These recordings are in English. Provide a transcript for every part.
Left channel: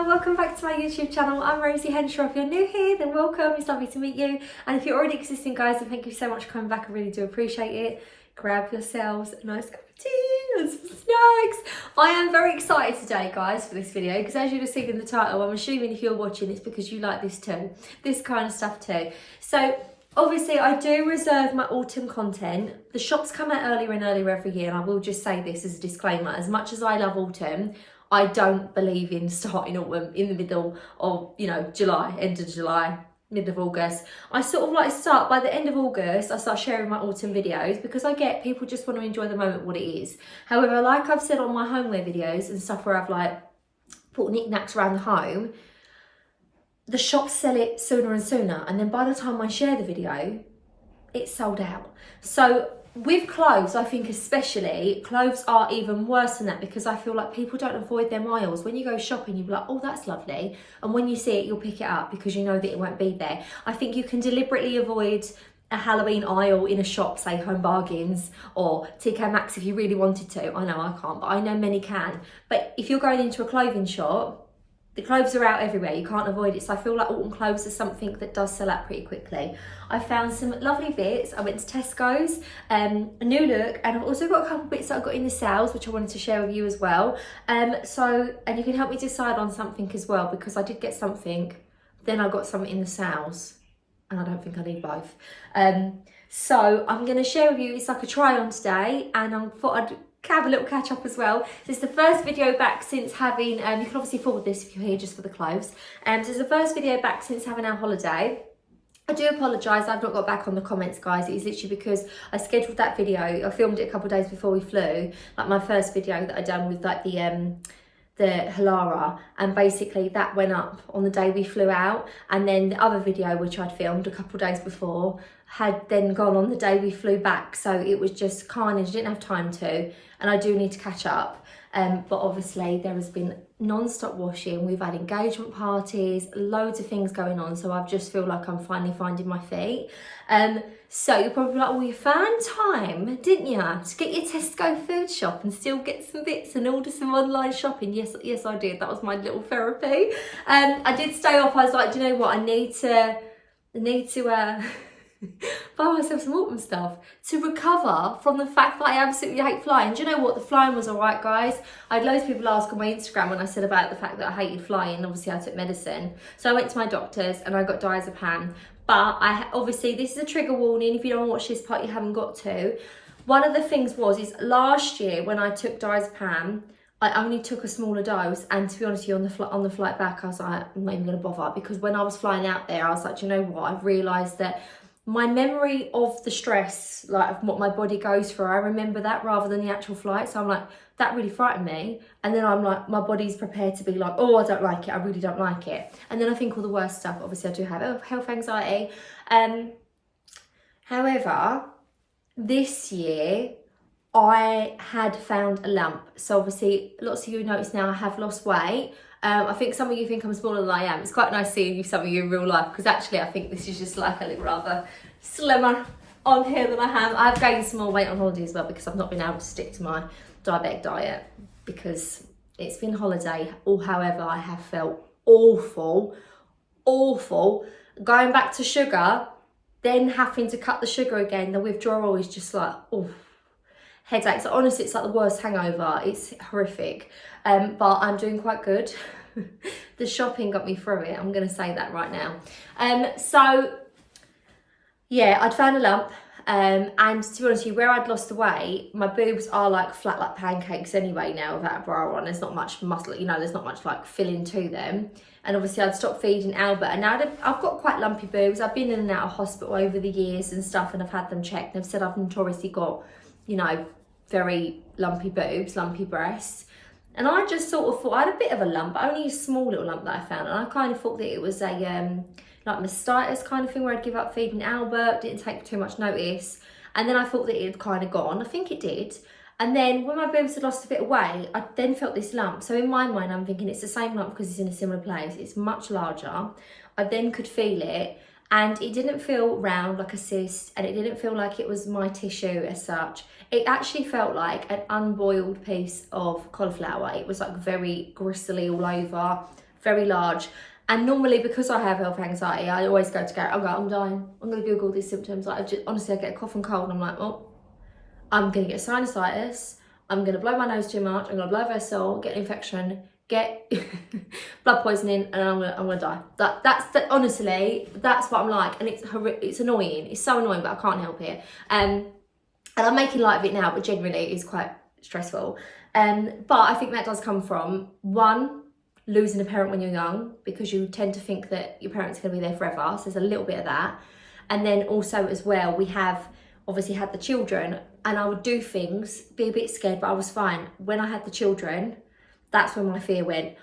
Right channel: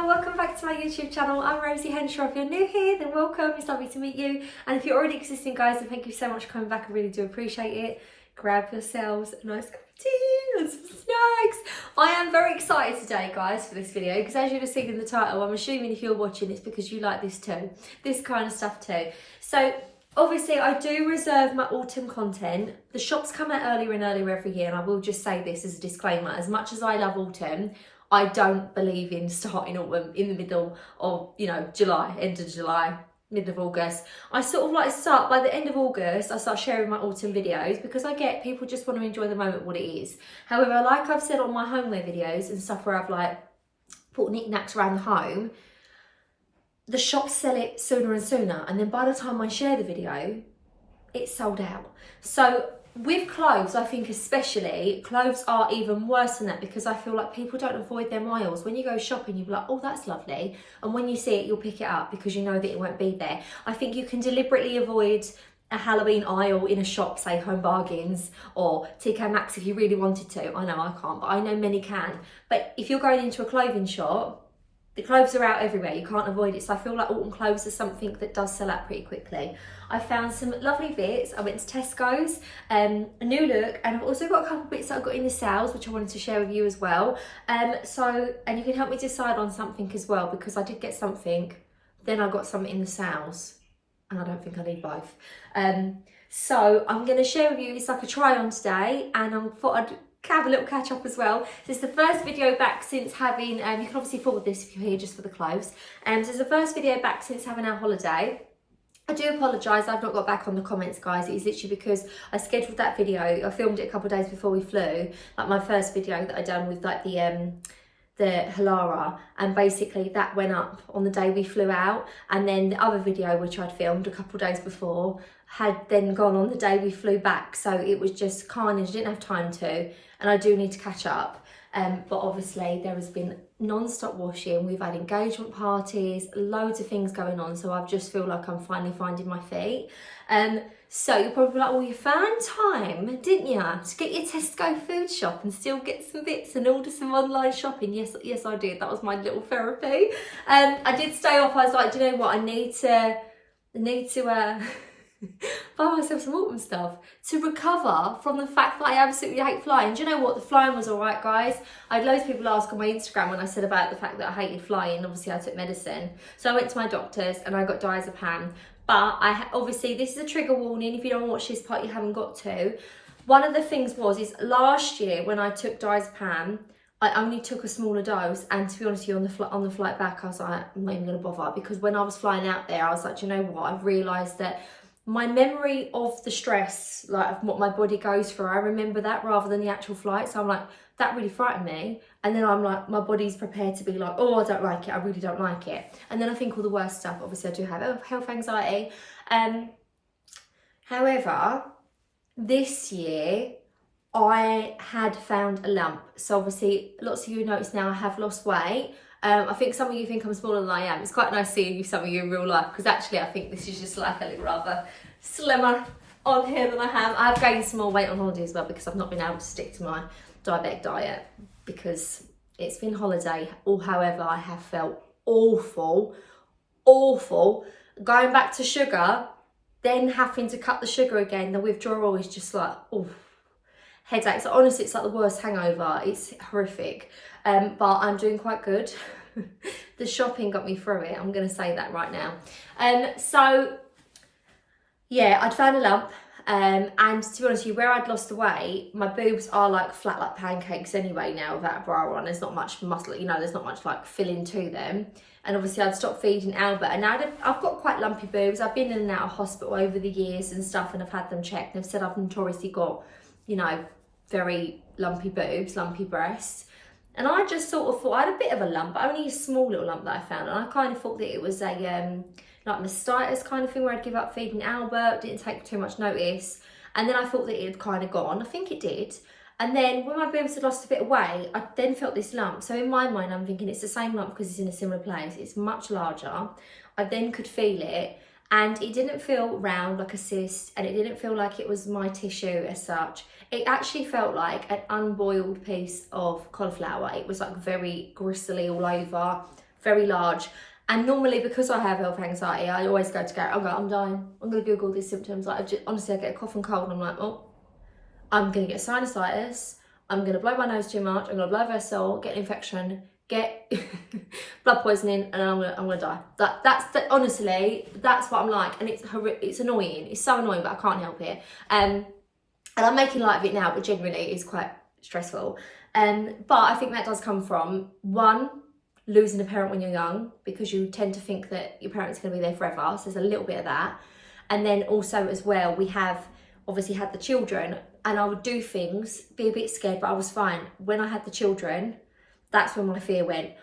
Hiya, welcome back to my YouTube channel. I'm Rosie Henshaw. If you're new here, then welcome. It's lovely to meet you. And if you're already existing, guys, then thank you so much for coming back. I really do appreciate it. Grab yourselves a nice cup of tea and some snacks. I am very excited today, guys, for this video, because as you'd have seen in the title, I'm assuming if you're watching, it's because you like this too. This kind of stuff too. So obviously, I do reserve my autumn content. The shops come out earlier and earlier every year, and I will just say this as a disclaimer. As much as I love autumn, I don't believe in starting autumn in the middle of, July, end of July, mid of August. I sort of like start, by the end of August, I start sharing my autumn videos because I get people just want to enjoy the moment, what it is. However, like I've said on my homeware videos and stuff where I've like put knickknacks around the home, the shops sell it sooner and sooner. And then by the time I share the video, it's sold out. So with clothes, I think especially, clothes are even worse than that because I feel like people don't avoid their aisles. When you go shopping, you'll be like, oh, that's lovely. And when you see it, you'll pick it up because you know that it won't be there. I think you can deliberately avoid a Halloween aisle in a shop, say Home Bargains or TK Maxx if you really wanted to. I know I can't, but I know many can. But if you're going into a clothing shop, the clothes are out everywhere, you can't avoid it. So I feel like autumn clothes are something that does sell out pretty quickly. I found some lovely bits. I went to Tesco's, Newlook, and I've also got a couple bits that I got in the sales, which I wanted to share with you as well. And you can help me decide on something as well, because I did get something, then I got something in the sales, and I don't think I need both. So I'm going to share with you, it's like a try on today, and I thought I'd have a little catch up as well. So it's the first video back since having, you can obviously forward this if you're here just for the clothes. So it's the first video back since having our holiday. I do apologise, I've not got back on the comments, guys. It is literally because I scheduled that video. I filmed it a couple of days before we flew, like my first video that I done with like the Halara, and basically that went up on the day we flew out, and then the other video which I'd filmed a couple of days before had then gone on the day we flew back, so it was just carnage. I didn't have time to, and I do need to catch up. But obviously there has been non-stop washing, we've had engagement parties, loads of things going on, so I just feel like I'm finally finding my feet. So you're probably like, well, you found time, didn't you, to get your Tesco food shop and still get some bits and order some online shopping? Yes, I did. That was my little therapy. I did stay off. I was like, do you know what? I need to buy myself some autumn stuff to recover from the fact that I absolutely hate flying. Do you know what? The flying was all right, guys. I had loads of people ask on my Instagram when I said about the fact that I hated flying. Obviously, I took medicine. So I went to my doctor's and I got diazepam. But obviously, this is a trigger warning. If you don't watch this part, you haven't got to. One of the things is last year when I took diazepam, I only took a smaller dose, and to be honest with you, on the flight back, I was like, I'm not even going to bother, because when I was flying out there, I was like, do you know what? I've realised that my memory of the stress, like of what my body goes through, I remember that rather than the actual flight. So I'm like, that really frightened me. And then I'm like, my body's prepared to be like, oh, I don't like it. I really don't like it. And then I think all the worst stuff. Obviously, I do have health anxiety. However, this year, I had found a lump. So obviously, lots of you notice now I have lost weight. I think some of you think I'm smaller than I am. It's quite nice seeing some of you in real life, because actually I think this is just like a little rather slimmer on here than I am. I've gained some more weight on holiday as well, because I've not been able to stick to my diabetic diet because it's been holiday. Or however, I have felt awful. Going back to sugar, then having to cut the sugar again, the withdrawal is just like, oh, headaches. Honestly, it's like the worst hangover. It's horrific. But I'm doing quite good. The shopping got me through it. I'm going to say that right now. So yeah, I'd found a lump. And to be honest with you, where I'd lost the weight, my boobs are like flat like pancakes anyway now without a bra on. There's not much muscle, there's not much like filling to them. And obviously I'd stopped feeding Albert, and now I've got quite lumpy boobs. I've been in and out of hospital over the years and stuff, and I've had them checked. They've said I've notoriously got, very lumpy boobs, lumpy breasts. And I just sort of thought, I had a bit of a lump, only a small little lump that I found. And I kind of thought that it was a like mastitis kind of thing, where I'd give up feeding Albert, didn't take too much notice. And then I thought that it had kind of gone. I think it did. And then when my boobs had lost a bit of weight, I then felt this lump. So in my mind, I'm thinking it's the same lump because it's in a similar place. It's much larger. I then could feel it. And it didn't feel round like a cyst, and it didn't feel like it was my tissue as such. It actually felt like an unboiled piece of cauliflower. It was like very gristly all over, very large. And normally, because I have health anxiety, I always go to Gary. I go, I'm dying. I'm going to Google these symptoms. Like, honestly, I get a cough and cold, and I'm like, oh, I'm going to get sinusitis. I'm going to blow my nose too much. I'm going to blow a vessel, get an infection, get blood poisoning, and I'm going to die. Honestly, that's what I'm like. And it's annoying. It's so annoying, but I can't help it. And I'm making light of it now, but generally it's quite stressful. But I think that does come from, one, losing a parent when you're young, because you tend to think that your parents are going to be there forever. So there's a little bit of that. And then also as well, we have obviously had the children, and I would do things, be a bit scared, but I was fine. When I had the children, that's when my fear went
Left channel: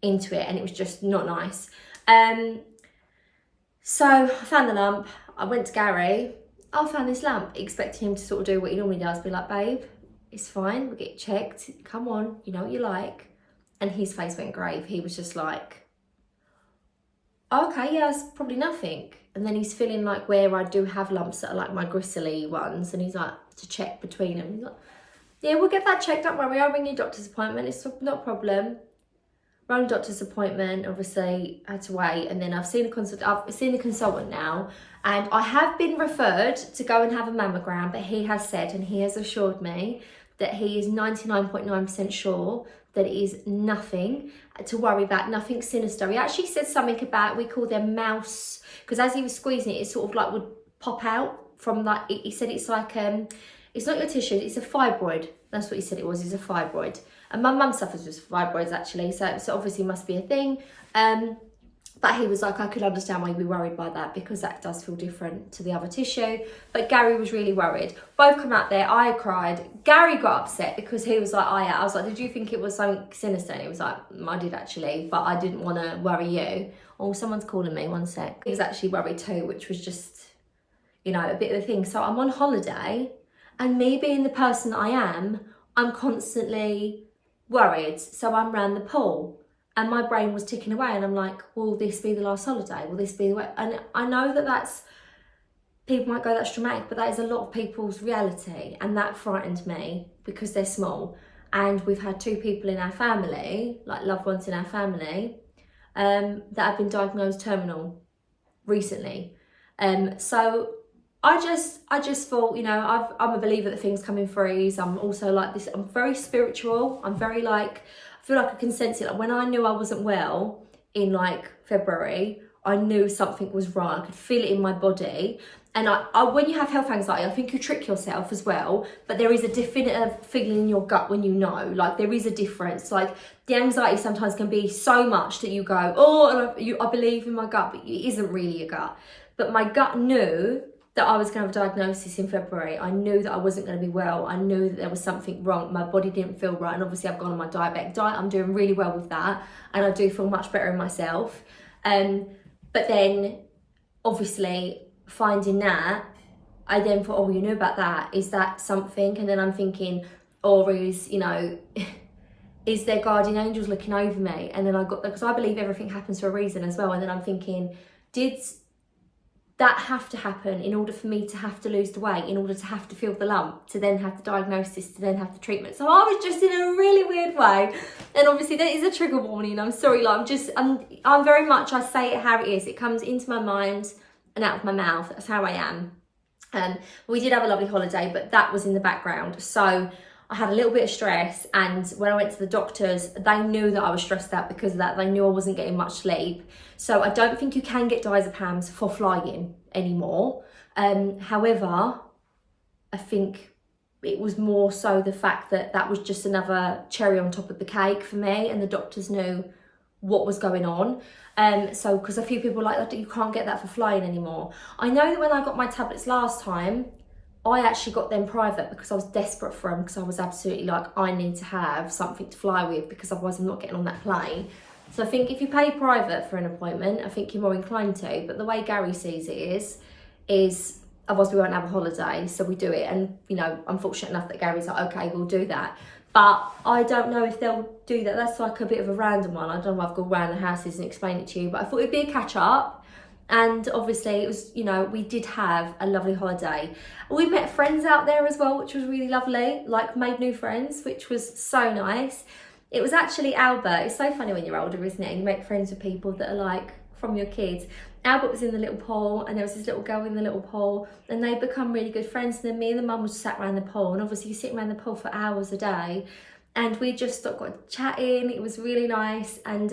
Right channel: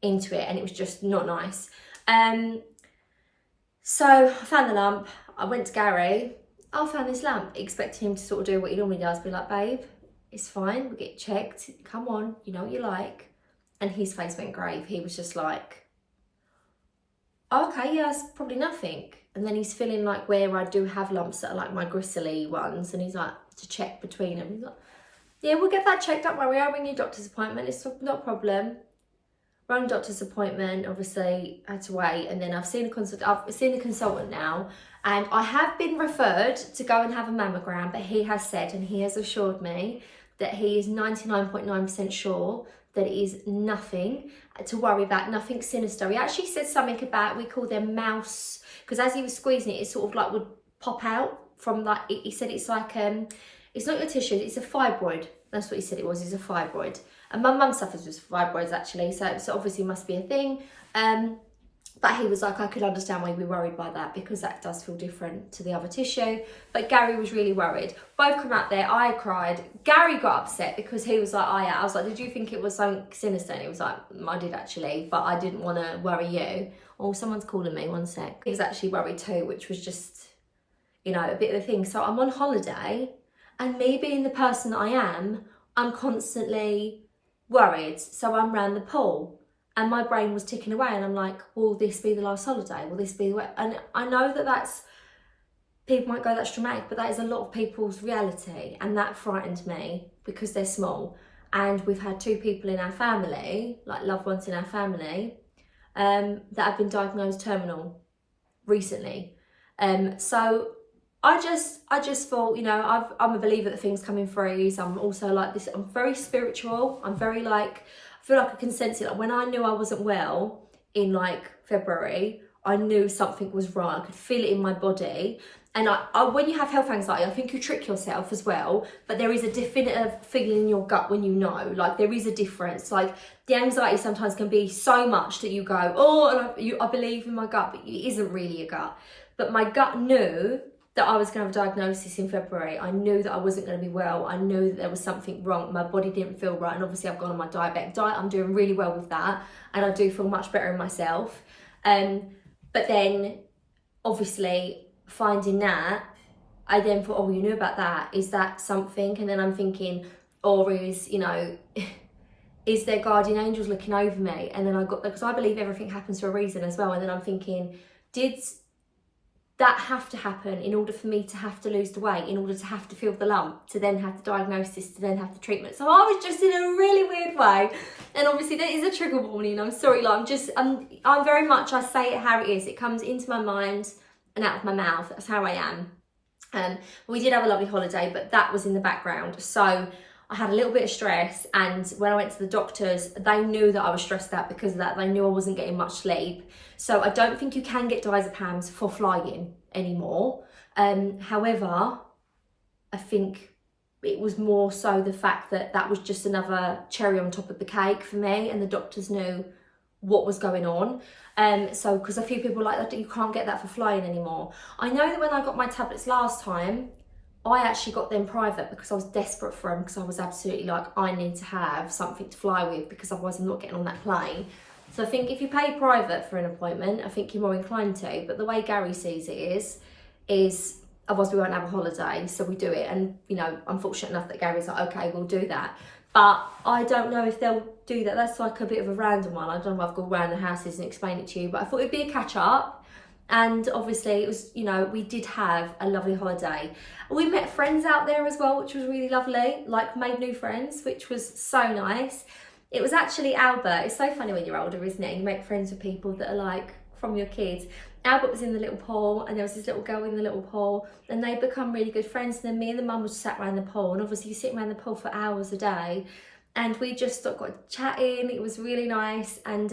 into it, and it was just not nice. So I found the lump. I went to Gary. I found this lump, expecting him to sort of do what he normally does, be like, babe, it's fine, we'll get checked, come on, you know what you like. And his face went grave. He was just like, okay, yeah, it's probably nothing. And then he's feeling like where I do have lumps that are like my gristly ones, and he's like, to check between them. He's like, yeah, we'll get that checked, don't worry, I'll ring your doctor's appointment, it's not a problem. Rang doctor's appointment, obviously had to wait, and then I've seen a consultant now, and I have been referred to go and have a mammogram, but he has said, and he has assured me, that he is 99.9% sure that it is nothing to worry about, nothing sinister. He actually said something about, we call them mouse, because as he was squeezing it, it sort of like would pop out from like, he said it's like, it's not your tissue, it's a fibroid. That's what he said it was, it's a fibroid. And my mum suffers with fibroids actually, so obviously must be a thing. But he was like, I could understand why you'd be worried by that, because that does feel different to the other tissue. But Gary was really worried. Both come out there, I cried. Gary got upset because he was like, oh yeah. I was like, did you think it was something sinister? And he was like, I did actually, but I didn't want to worry you. Oh, someone's calling me, one sec. He was actually worried too, which was just, you know, a bit of a thing. So I'm on holiday, and me being the person that I am, I'm constantly worried. So I'm round the pool. And my brain was ticking away, and I'm like, will this be the last holiday? Will this be the way? And I know that that's, people might go, that's dramatic, but that is a lot of people's reality. And that frightened me because they're small. And we've had 2 people in our family, like loved ones in our family, that have been diagnosed terminal recently. So I just thought, you know, I'm a believer that things come in threes. I'm also like this, I'm very spiritual. I'm very like, I feel like I can sense it. Like when I knew I wasn't well in like February, I knew something was wrong. I could feel it in my body. And I when you have health anxiety, I think you trick yourself as well. But there is a definitive feeling in your gut when you know. Like there is a difference. Like the anxiety sometimes can be so much that you go, oh, and I believe in my gut, but it isn't really a gut. But my gut knew that I was going to have a diagnosis in February. I knew that I wasn't going to be well. I knew that there was something wrong. My body didn't feel right. And obviously I've gone on my diabetic diet. I'm doing really well with that. And I do feel much better in myself. But then obviously finding that, I then thought, oh, you knew about that. Is that something? And then I'm thinking, or is, you know, is there guardian angels looking over me? And then I got, because I believe everything happens for a reason as well. And then I'm thinking, did that have to happen in order for me to have to lose the weight, in order to have to feel the lump, to then have the diagnosis, to then have the treatment? So I was just in a really weird way. And obviously that is a trigger warning. I'm sorry, like I'm very much, I say it how it is. It comes into my mind and out of my mouth. That's how I am. We did have a lovely holiday, but that was in the background. So I had a little bit of stress, and when I went to the doctors, they knew that I was stressed out because of that. They knew I wasn't getting much sleep. So I don't think you can get diazepams for flying anymore. However, I think it was more so the fact that that was just another cherry on top of the cake for me, and the doctors knew what was going on. So because a few people were like, you can't get that for flying anymore. I know that when I got my tablets last time, I actually got them private because I was desperate for them, because I was absolutely like, I need to have something to fly with, because otherwise I'm not getting on that plane. So I think if you pay private for an appointment, I think you're more inclined to. But the way Gary sees it is otherwise we won't have a holiday, so we do it. And, you know, I'm fortunate enough that Gary's like, okay, we'll do that. But I don't know if they'll do that. That's like a bit of a random one. I don't know if I've gone around the houses and explain it to you, but I thought it'd be a catch up. And obviously it was, you know, we did have a lovely holiday. We met friends out there as well, which was really lovely, like made new friends, which was so nice. It was actually Albert. It's so funny when you're older, isn't it? You make friends with people that are like from your kids. Albert was in the little pool, and there was this little girl in the little pool, and they become really good friends. And then me and the mum was sat around the pool, and obviously you sit around the pool for hours a day, and we just got chatting. It was really nice, and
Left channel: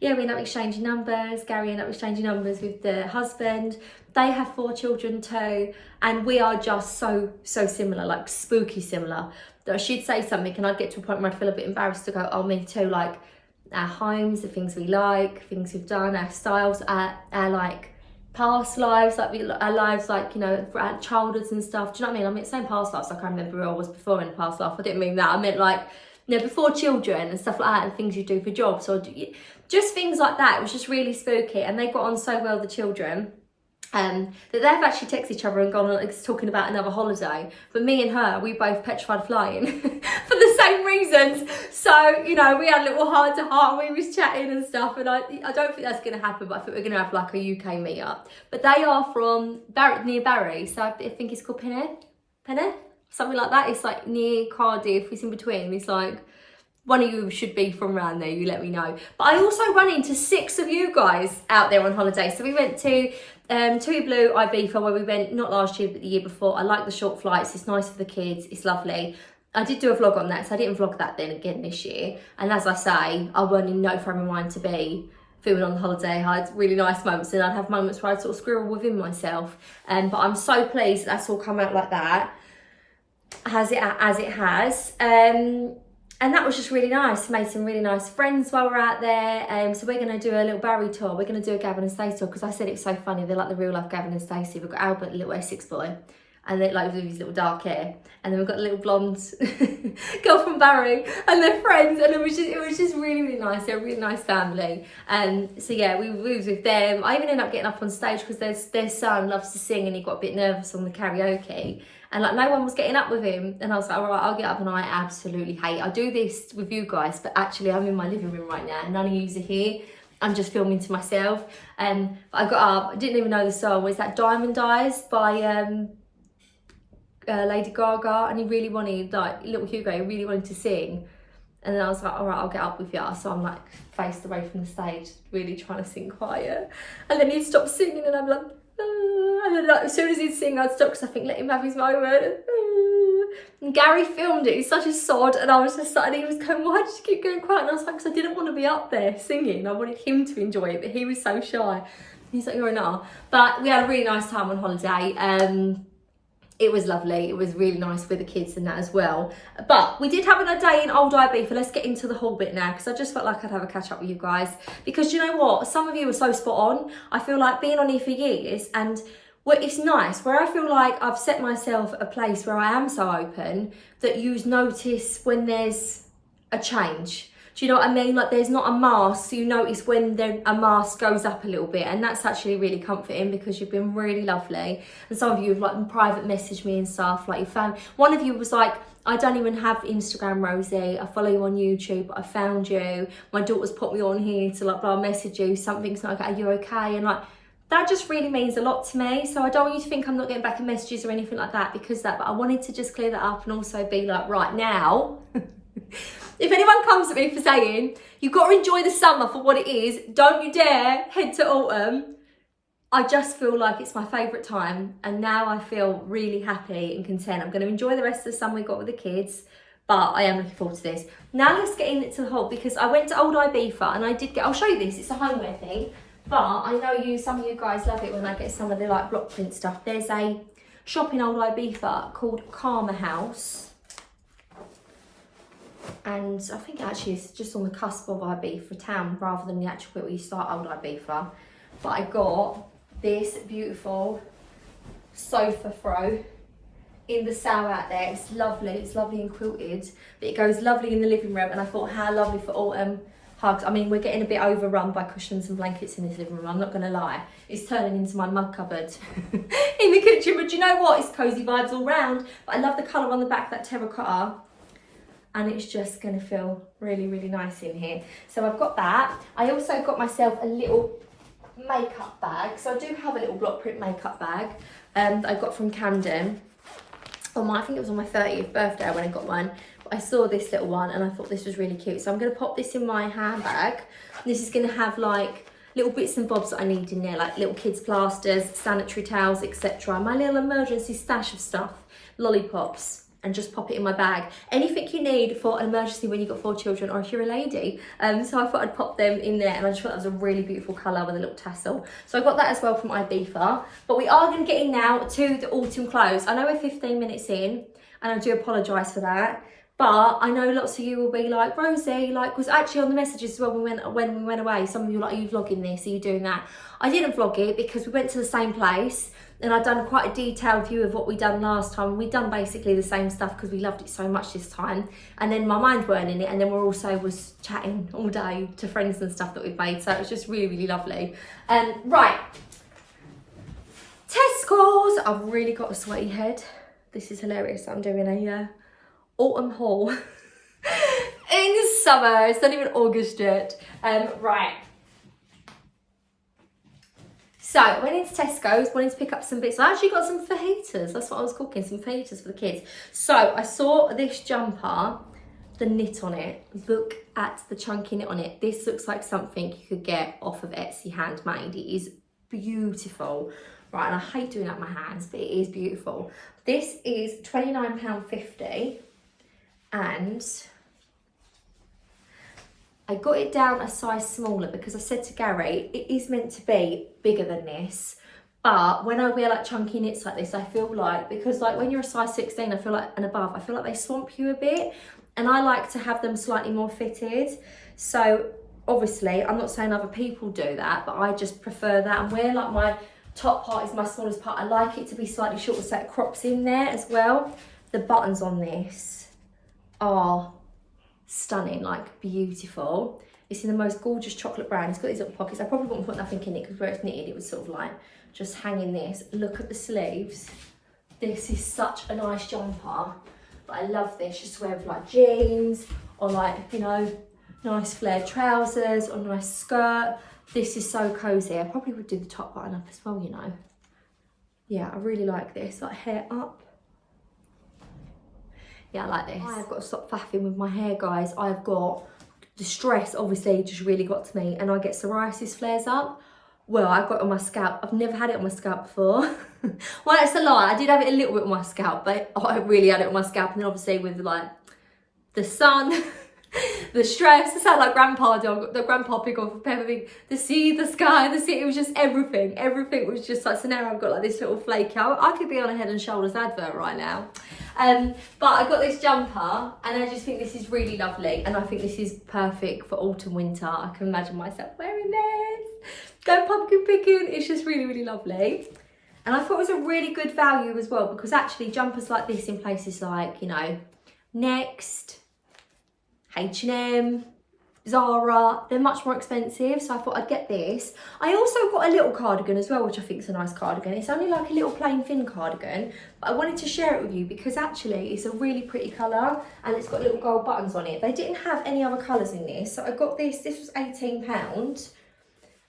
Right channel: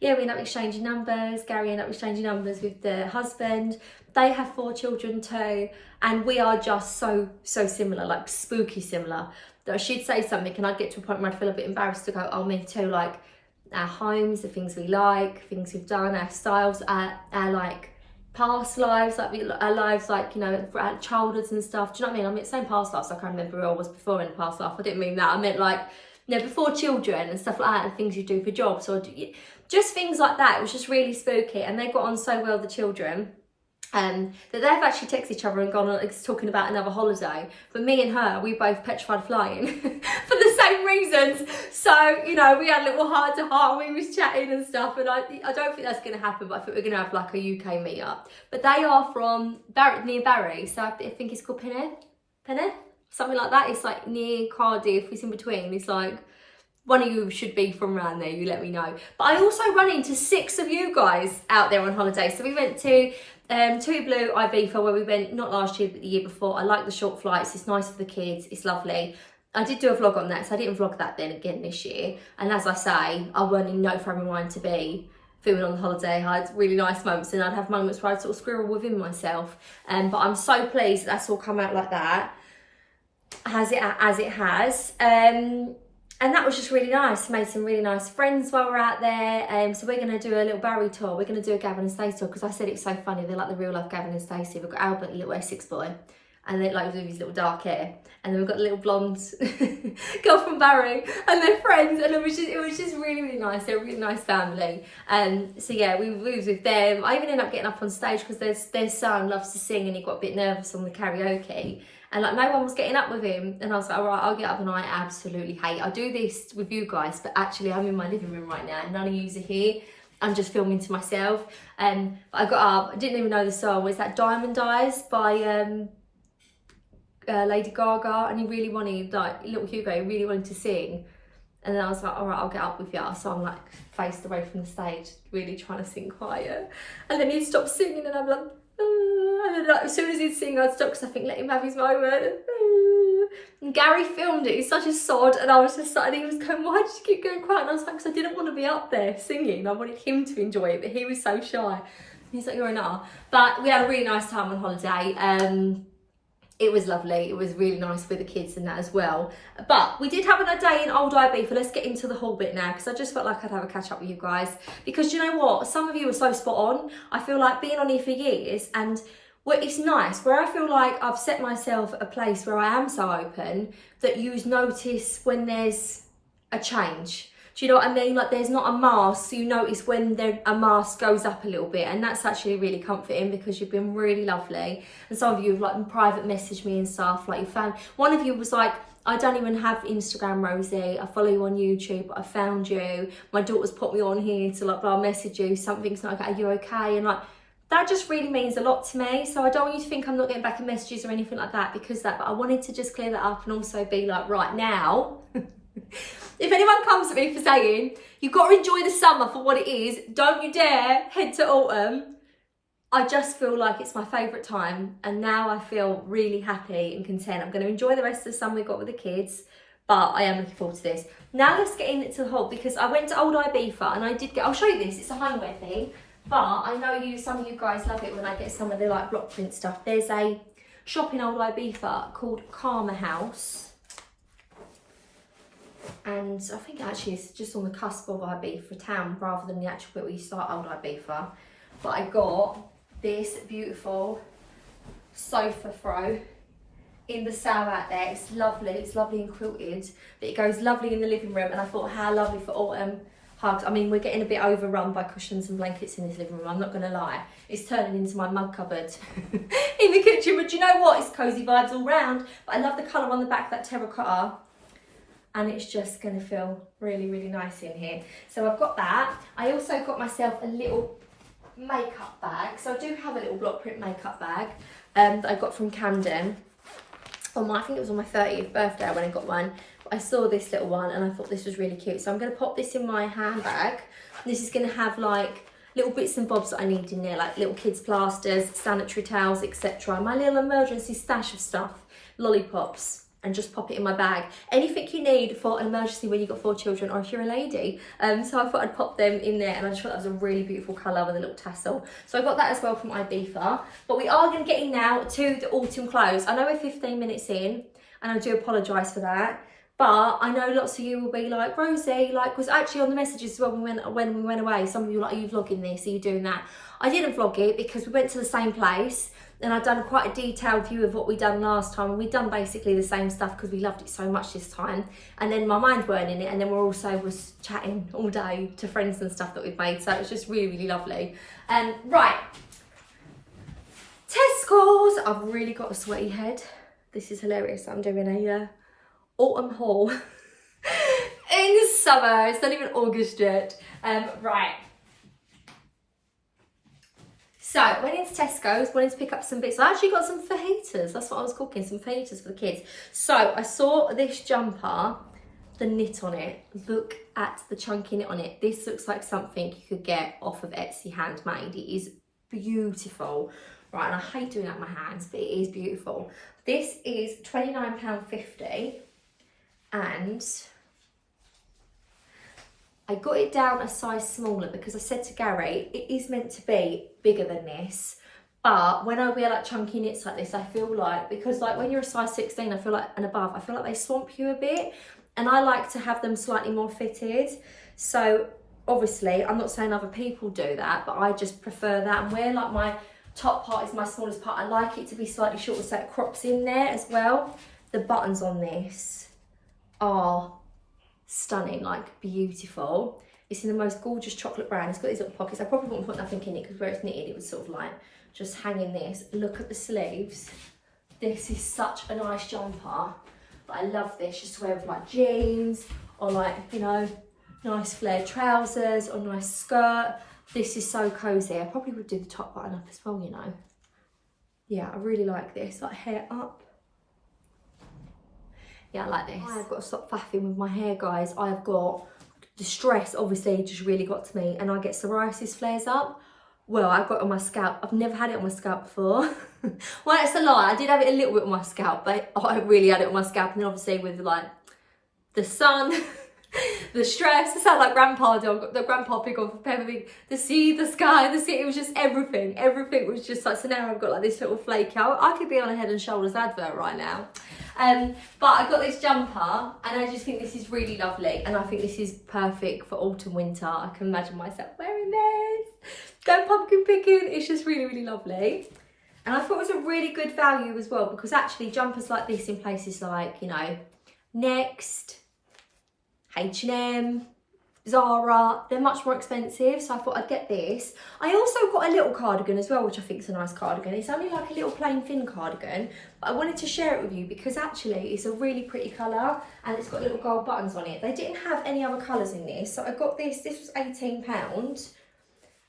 yeah, we ended up exchanging numbers. Gary ended up exchanging numbers with the husband. They have 4 children too, and we are just so similar, like spooky similar. That she'd say something, and I'd get to a point where I'd feel a bit embarrassed to go, oh, me too, like our homes, the things we like, things we've done, our styles, our like past lives, like our lives, like, you know, our childhoods and stuff. Do you know what I mean? I mean, saying past lives, I can't remember who I was before in the past life. I didn't mean that. I meant like, you know, before children and stuff like that, and things you do for jobs, or just things like that. It was just really spooky, and they got on so well, the children. That they've actually texted each other and gone on talking about another holiday. But me and her, we both petrified flying for the same reasons. So, you know, we had a little heart to heart, and we was chatting and stuff. And I don't think that's going to happen, but I think we're going to have like a UK meetup. But they are from near Barry, so I think it's called Peneth, something like that. It's like near Cardiff. It's in between. It's like, one of you should be from around there, you let me know. But I also run into 6 of you guys out there on holiday. So we went to Tui Blue Ibiza, where we went not last year but the year before. I like the short flights. It's nice for the kids. It's lovely. I did do a vlog on that, so I didn't vlog that then again this year. And as I say, I weren't in no frame of mind to be filming on the holiday. I had really nice moments, and I'd have moments where I'd sort of squirrel within myself. But I'm so pleased that's all come out like that, as it has. And that was just really nice. Made some really nice friends while we're out there. So we're going to do a little Barry tour. We're going to do a Gavin and Stacey tour, because I said it was so funny. They're like the real life Gavin and Stacey. We've got Albert, the little Essex boy, and then like with his little dark hair. And then we've got the little blonde girl from Barry, and they're friends. And it was just really nice. They're a really nice family. So yeah, we was with them. I even ended up getting up on stage because their son loves to sing, and he got a bit nervous on the karaoke. And like no one was getting up with him, and I was like, all right, I'll get up. And I absolutely hate. I do this with you guys, but actually I'm in my living room right now, and none of you are here. I'm just filming to myself. But I got up. I didn't even know the song. Was that Diamond Eyes by Lady Gaga? And he really wanted, like little Hugo, he really wanted to sing. And then I was like, all right, I'll get up with you. So I'm like faced away from the stage, really trying to sing quiet. And then he'd stop singing, and I'm like, and then like, as soon as he'd sing, I'd stop, because I think, let him have his moment. And Gary filmed it. He's such a sod. And I was just like, and he was going, why did you keep going quiet? And I was like, because I didn't want to be up there singing. I wanted him to enjoy it, but he was so shy. And he's like, you're an R. But we had a really nice time on holiday. It was lovely. It was really nice with the kids and that as well. But we did have a day in Old Ibiza. Let's get into the whole bit now, because I just felt like I'd have a catch up with you guys. Because you know what? Some of you are so spot on. I feel like being on here for years, and it's nice where I feel like I've set myself a place where I am so open that you notice when there's a change. Do you know what I mean? Like there's not a mask, so you notice when a mask goes up a little bit, and that's actually really comforting, because you've been really lovely. And some of you have like private messaged me and stuff, like you found, one of you was like, I don't even have Instagram, Rosie, I follow you on YouTube, I found you, my daughter's put me on here to like blah message you, something's like, are you okay? And like that just really means a lot to me. So I don't want you to think I'm not getting back in messages or anything like that because that, but I wanted to just clear that up and also be like, right now, if anyone comes at me for saying, you've got to enjoy the summer for what it is, don't you dare head to autumn. I just feel like it's my favourite time, and now I feel really happy and content. I'm going to enjoy the rest of the summer we got with the kids, but I am looking forward to this. Now let's get into the haul, because I went to Old Ibiza and I did get, I'll show you this, it's a homeware thing, but I know some of you guys love it when I get some of the like block print stuff. There's a shop in Old Ibiza called Karma House. And I think actually it's just on the cusp of Ibiza town rather than the actual bit where you start Old Ibiza. But I got this beautiful sofa throw in the sale out there. It's lovely and quilted, but it goes lovely in the living room. And I thought, how lovely for autumn hugs. I mean, we're getting a bit overrun by cushions and blankets in this living room, I'm not gonna lie. It's turning into my mug cupboard in the kitchen, but you know what? It's cozy vibes all round. But I love the colour on the back, that terracotta. And it's just going to feel really, really nice in here. So I've got that. I also got myself a little makeup bag. So I do have a little block print makeup bag that I got from Camden. I think it was on my 30th birthday when I got one. I saw this little one and I thought this was really cute. So I'm going to pop this in my handbag. This is going to have like little bits and bobs that I need in there, like little kids plasters, sanitary towels, etc. My little emergency stash of stuff, lollipops, and just pop it in my bag. Anything you need for an emergency when you've got 4 children or if you're a lady. So I thought I'd pop them in there, and I just thought that was a really beautiful colour with a little tassel. So I got that as well from Ibiza. But we are going to get in now to the autumn clothes. I know we're 15 minutes in, and I do apologise for that. But I know lots of you will be like, Rosie, like, was actually on the messages as well when we went away. Some of you were like, are you vlogging this? Are you doing that? I didn't vlog it because we went to the same place, and I'd done quite a detailed view of what we'd done last time. And we'd done basically the same stuff because we loved it so much this time. And then my mind weren't in it. And then we're also was chatting all day to friends and stuff that we've made. So it was just really, really lovely. Right. Tesco's. I've really got a sweaty head. This is hilarious. I'm doing a autumn haul in summer. It's not even August yet. Right. So I went into Tesco's, wanted to pick up some bits. I actually got some fajitas. That's what I was cooking, some fajitas for the kids. So I saw this jumper, the knit on it. Look at the chunky knit on it. This looks like something you could get off of Etsy handmade. It is beautiful. Right, and I hate doing that with my hands, but it is beautiful. This is £29.50, and I got it down a size smaller because I said to Gary, it is meant to be bigger than this. But when I wear like chunky knits like this, I feel like, because like when you're a size 16, I feel like, and above, I feel like they swamp you a bit. And I like to have them slightly more fitted. So obviously, I'm not saying other people do that, but I just prefer that. And where like my top part is my smallest part, I like it to be slightly shorter so it crops in there as well. The buttons on this are stunning, like beautiful. It's in the most gorgeous chocolate brown. It's got these little pockets. I probably wouldn't put nothing in it because where it's knitted, it would sort of like just hang in this. Look at the sleeves. This is such a nice jumper. But I love this just to wear with like jeans or like, you know, nice flared trousers or nice skirt. This is so cozy. I probably would do the top button up as well, you know. Yeah, I really like this, like hair up. Yeah, I like this. I've got to stop faffing with my hair, guys. I've got, the stress obviously just really got to me, and I get psoriasis flares up. Well, I got it on my scalp. I've never had it on my scalp before. Well, that's a lie. I did have it a little bit on my scalp, but I really had it on my scalp. And then obviously with like the sun, the stress, it sounded like Grandpa dog, the Grandpa pig on for Peppa Pig. The sea, the sky, the sea, it was just everything. Everything was just like, so now I've got like this little flake out. I could be on a Head and Shoulders advert right now. But I got this jumper and I just think this is really lovely. And I think this is perfect for autumn, winter. I can imagine myself wearing this. Go pumpkin picking. It's just really, really lovely. And I thought it was a really good value as well, because actually jumpers like this in places like, you know, Next, H&M, Zara, they're much more expensive, so I thought I'd get this. I also got a little cardigan as well, which I think is a nice cardigan. It's only like a little plain thin cardigan, but I wanted to share it with you because actually it's a really pretty colour and it's got little gold buttons on it. They didn't have any other colours in this, so I got this. This was £18,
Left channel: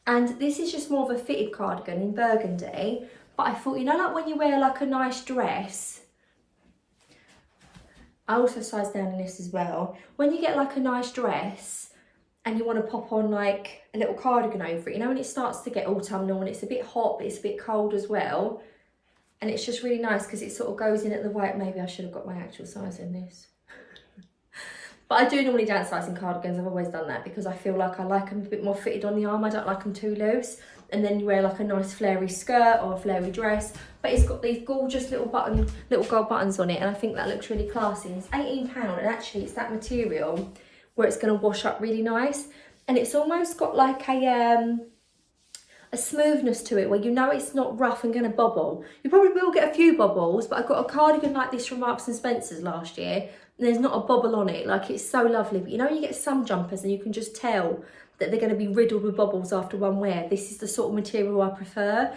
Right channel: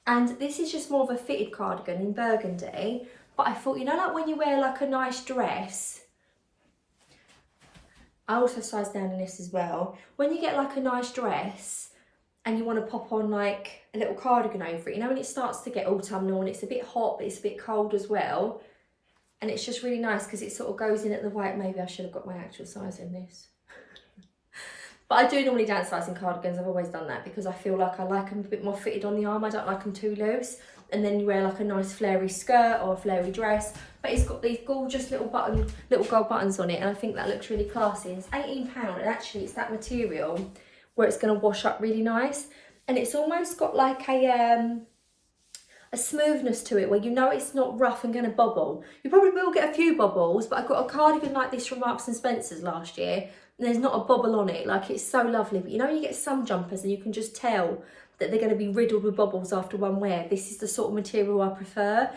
and this is just more of a fitted cardigan in burgundy. But I thought, you know, like when you wear like a nice dress, I also sized down in this as well. When you get like a nice dress and you want to pop on like a little cardigan over it, you know, when it starts to get autumnal and it's a bit hot, but it's a bit cold as well. And it's just really nice because it sort of goes in at the white. Maybe I should have got my actual size in this. But I do normally downsize in cardigans. I've always done that because I feel like I like them a bit more fitted on the arm. I don't like them too loose. And then you wear like a nice flary skirt or a flary dress. But it's got these gorgeous little gold buttons on it. And I think that looks really classy. It's £18, and actually it's that material where it's going to wash up really nice. And it's almost got like a smoothness to it where you know it's not rough and going to bobble. You probably will get a few bobbles, but I got a cardigan like this from Marks and Spencer's last year. And there's not a bobble on it. Like, it's so lovely. But you know, you get some jumpers and you can just tell that they're going to be riddled with bobbles after one wear. This is the sort of material I prefer.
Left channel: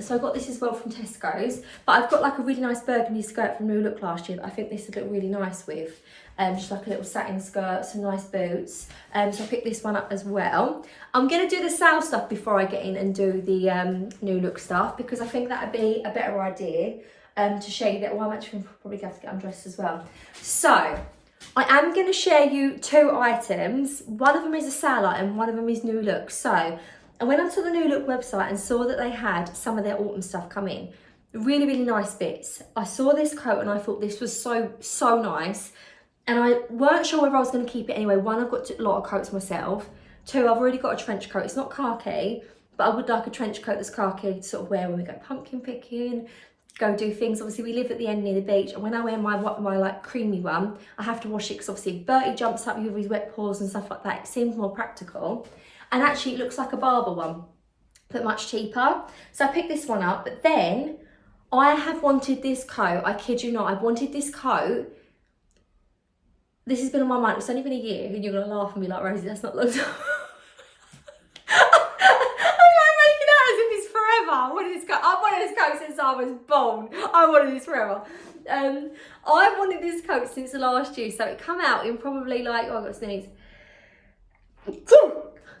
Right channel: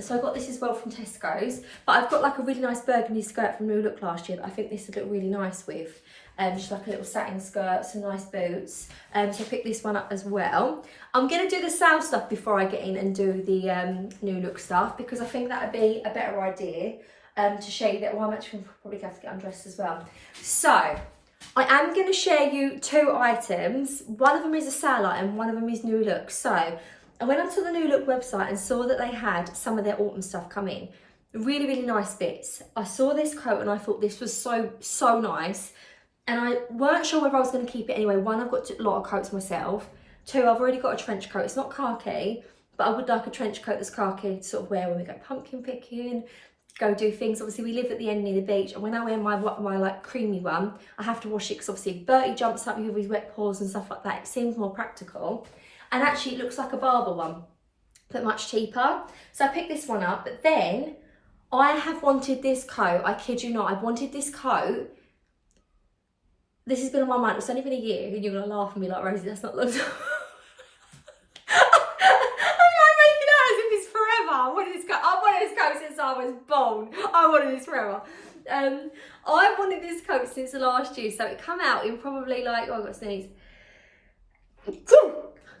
So I got this as well from Tesco's. But I've got like a really nice burgundy skirt from Newlook last year that I think this would look really nice with. Just like a little satin skirt, some nice boots. So I picked this one up as well. I'm going to do the sale stuff before I get in and do the Newlook stuff, because I think that would be a better idea to show you that. Well, I'm actually probably going to have to get undressed as well. So I am going to share you 2 items. One of them is a sale item, one of them is Newlook. So I went onto the Newlook website and saw that they had some of their autumn stuff come in. Really, really nice bits. I saw this coat and I thought this was so nice. And I weren't sure whether I was going to keep it anyway. 1, I've got a lot of coats myself. 2, I've already got a trench coat. It's not khaki, but I would like a trench coat that's khaki to sort of wear when we go pumpkin picking, go do things. Obviously, we live at the end near the beach, and when I wear my like creamy one, I have to wash it because obviously if Bertie jumps up with his wet paws and stuff like that, it seems more practical. And actually, it looks like a Barber one, but much cheaper. So I picked this one up, but then I have wanted this coat. I kid you not, I've wanted this coat. This has been on my mind. It's only been a year, and you're gonna laugh and be like, Rosie, that's not long time. I wanted this coat. I've wanted this coat since I was born. I wanted this forever. I wanted this coat since last year, so it come out in probably like, oh, I got a sneeze.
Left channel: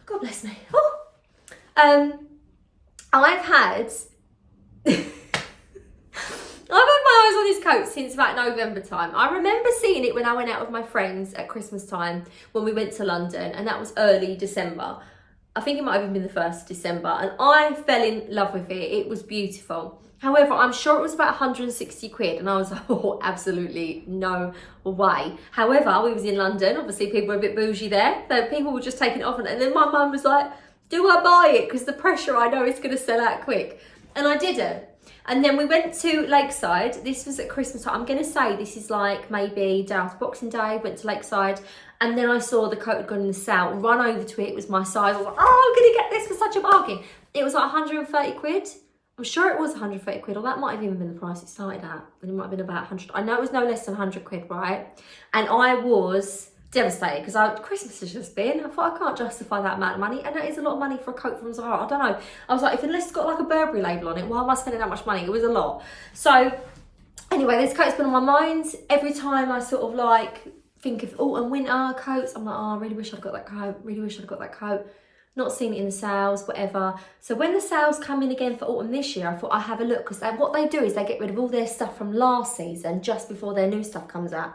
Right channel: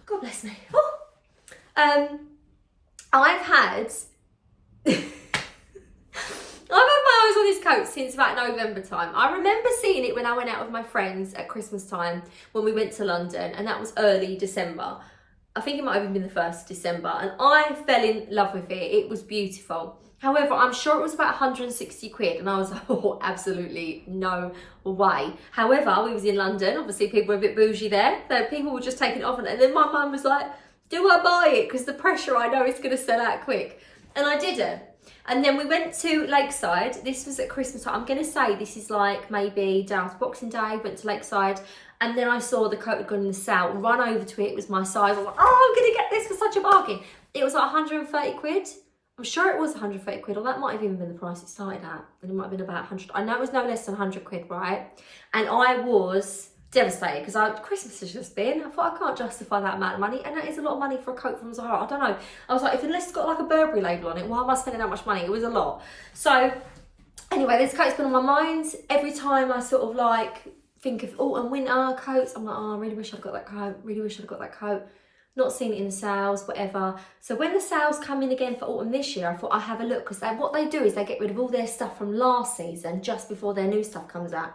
God bless me. I've had my eyes on this coat since about November time. I remember seeing it when I went out with my friends at Christmas time when we went to London, and that was early December. I think it might have even been the 1st of December, and I fell in love with it. It was beautiful. However, I'm sure it was about 160 quid, and I was like, oh, absolutely no way. However, we was in London. Obviously, people were a bit bougie there. So people were just taking it off, and then my mum was like, do I buy it? Because the pressure, I know it's going to sell out quick. And I didn't. And then we went to Lakeside. This was at Christmas time. I'm going to say this is like maybe down to Boxing Day. Went to Lakeside. And then I saw the coat had gone in the sale. Run over to it. It was my size. I was like, oh, I'm going to get this for such a bargain. It was like 130 quid. I'm sure it was 130 quid. Or that might have even been the price it started at. And it might have been about 100. I know it was no less than 100 quid, right? And I was devastated because Christmas has just been. I thought I can't justify that amount of money. And that is a lot of money for a coat from Zara. I don't know. I was like, unless it's got like a Burberry label on it, why am I spending that much money? It was a lot. So anyway, this coat's been on my mind. Every time I sort of like think of autumn, winter coats, I'm like, oh, I really wish I'd got that coat. Really wish I'd got that coat. Not seen it in the sales, whatever. So when the sales come in again for autumn this year, I thought I'd have a look, because what they do is they get rid of all their stuff from last season just before their new stuff comes out.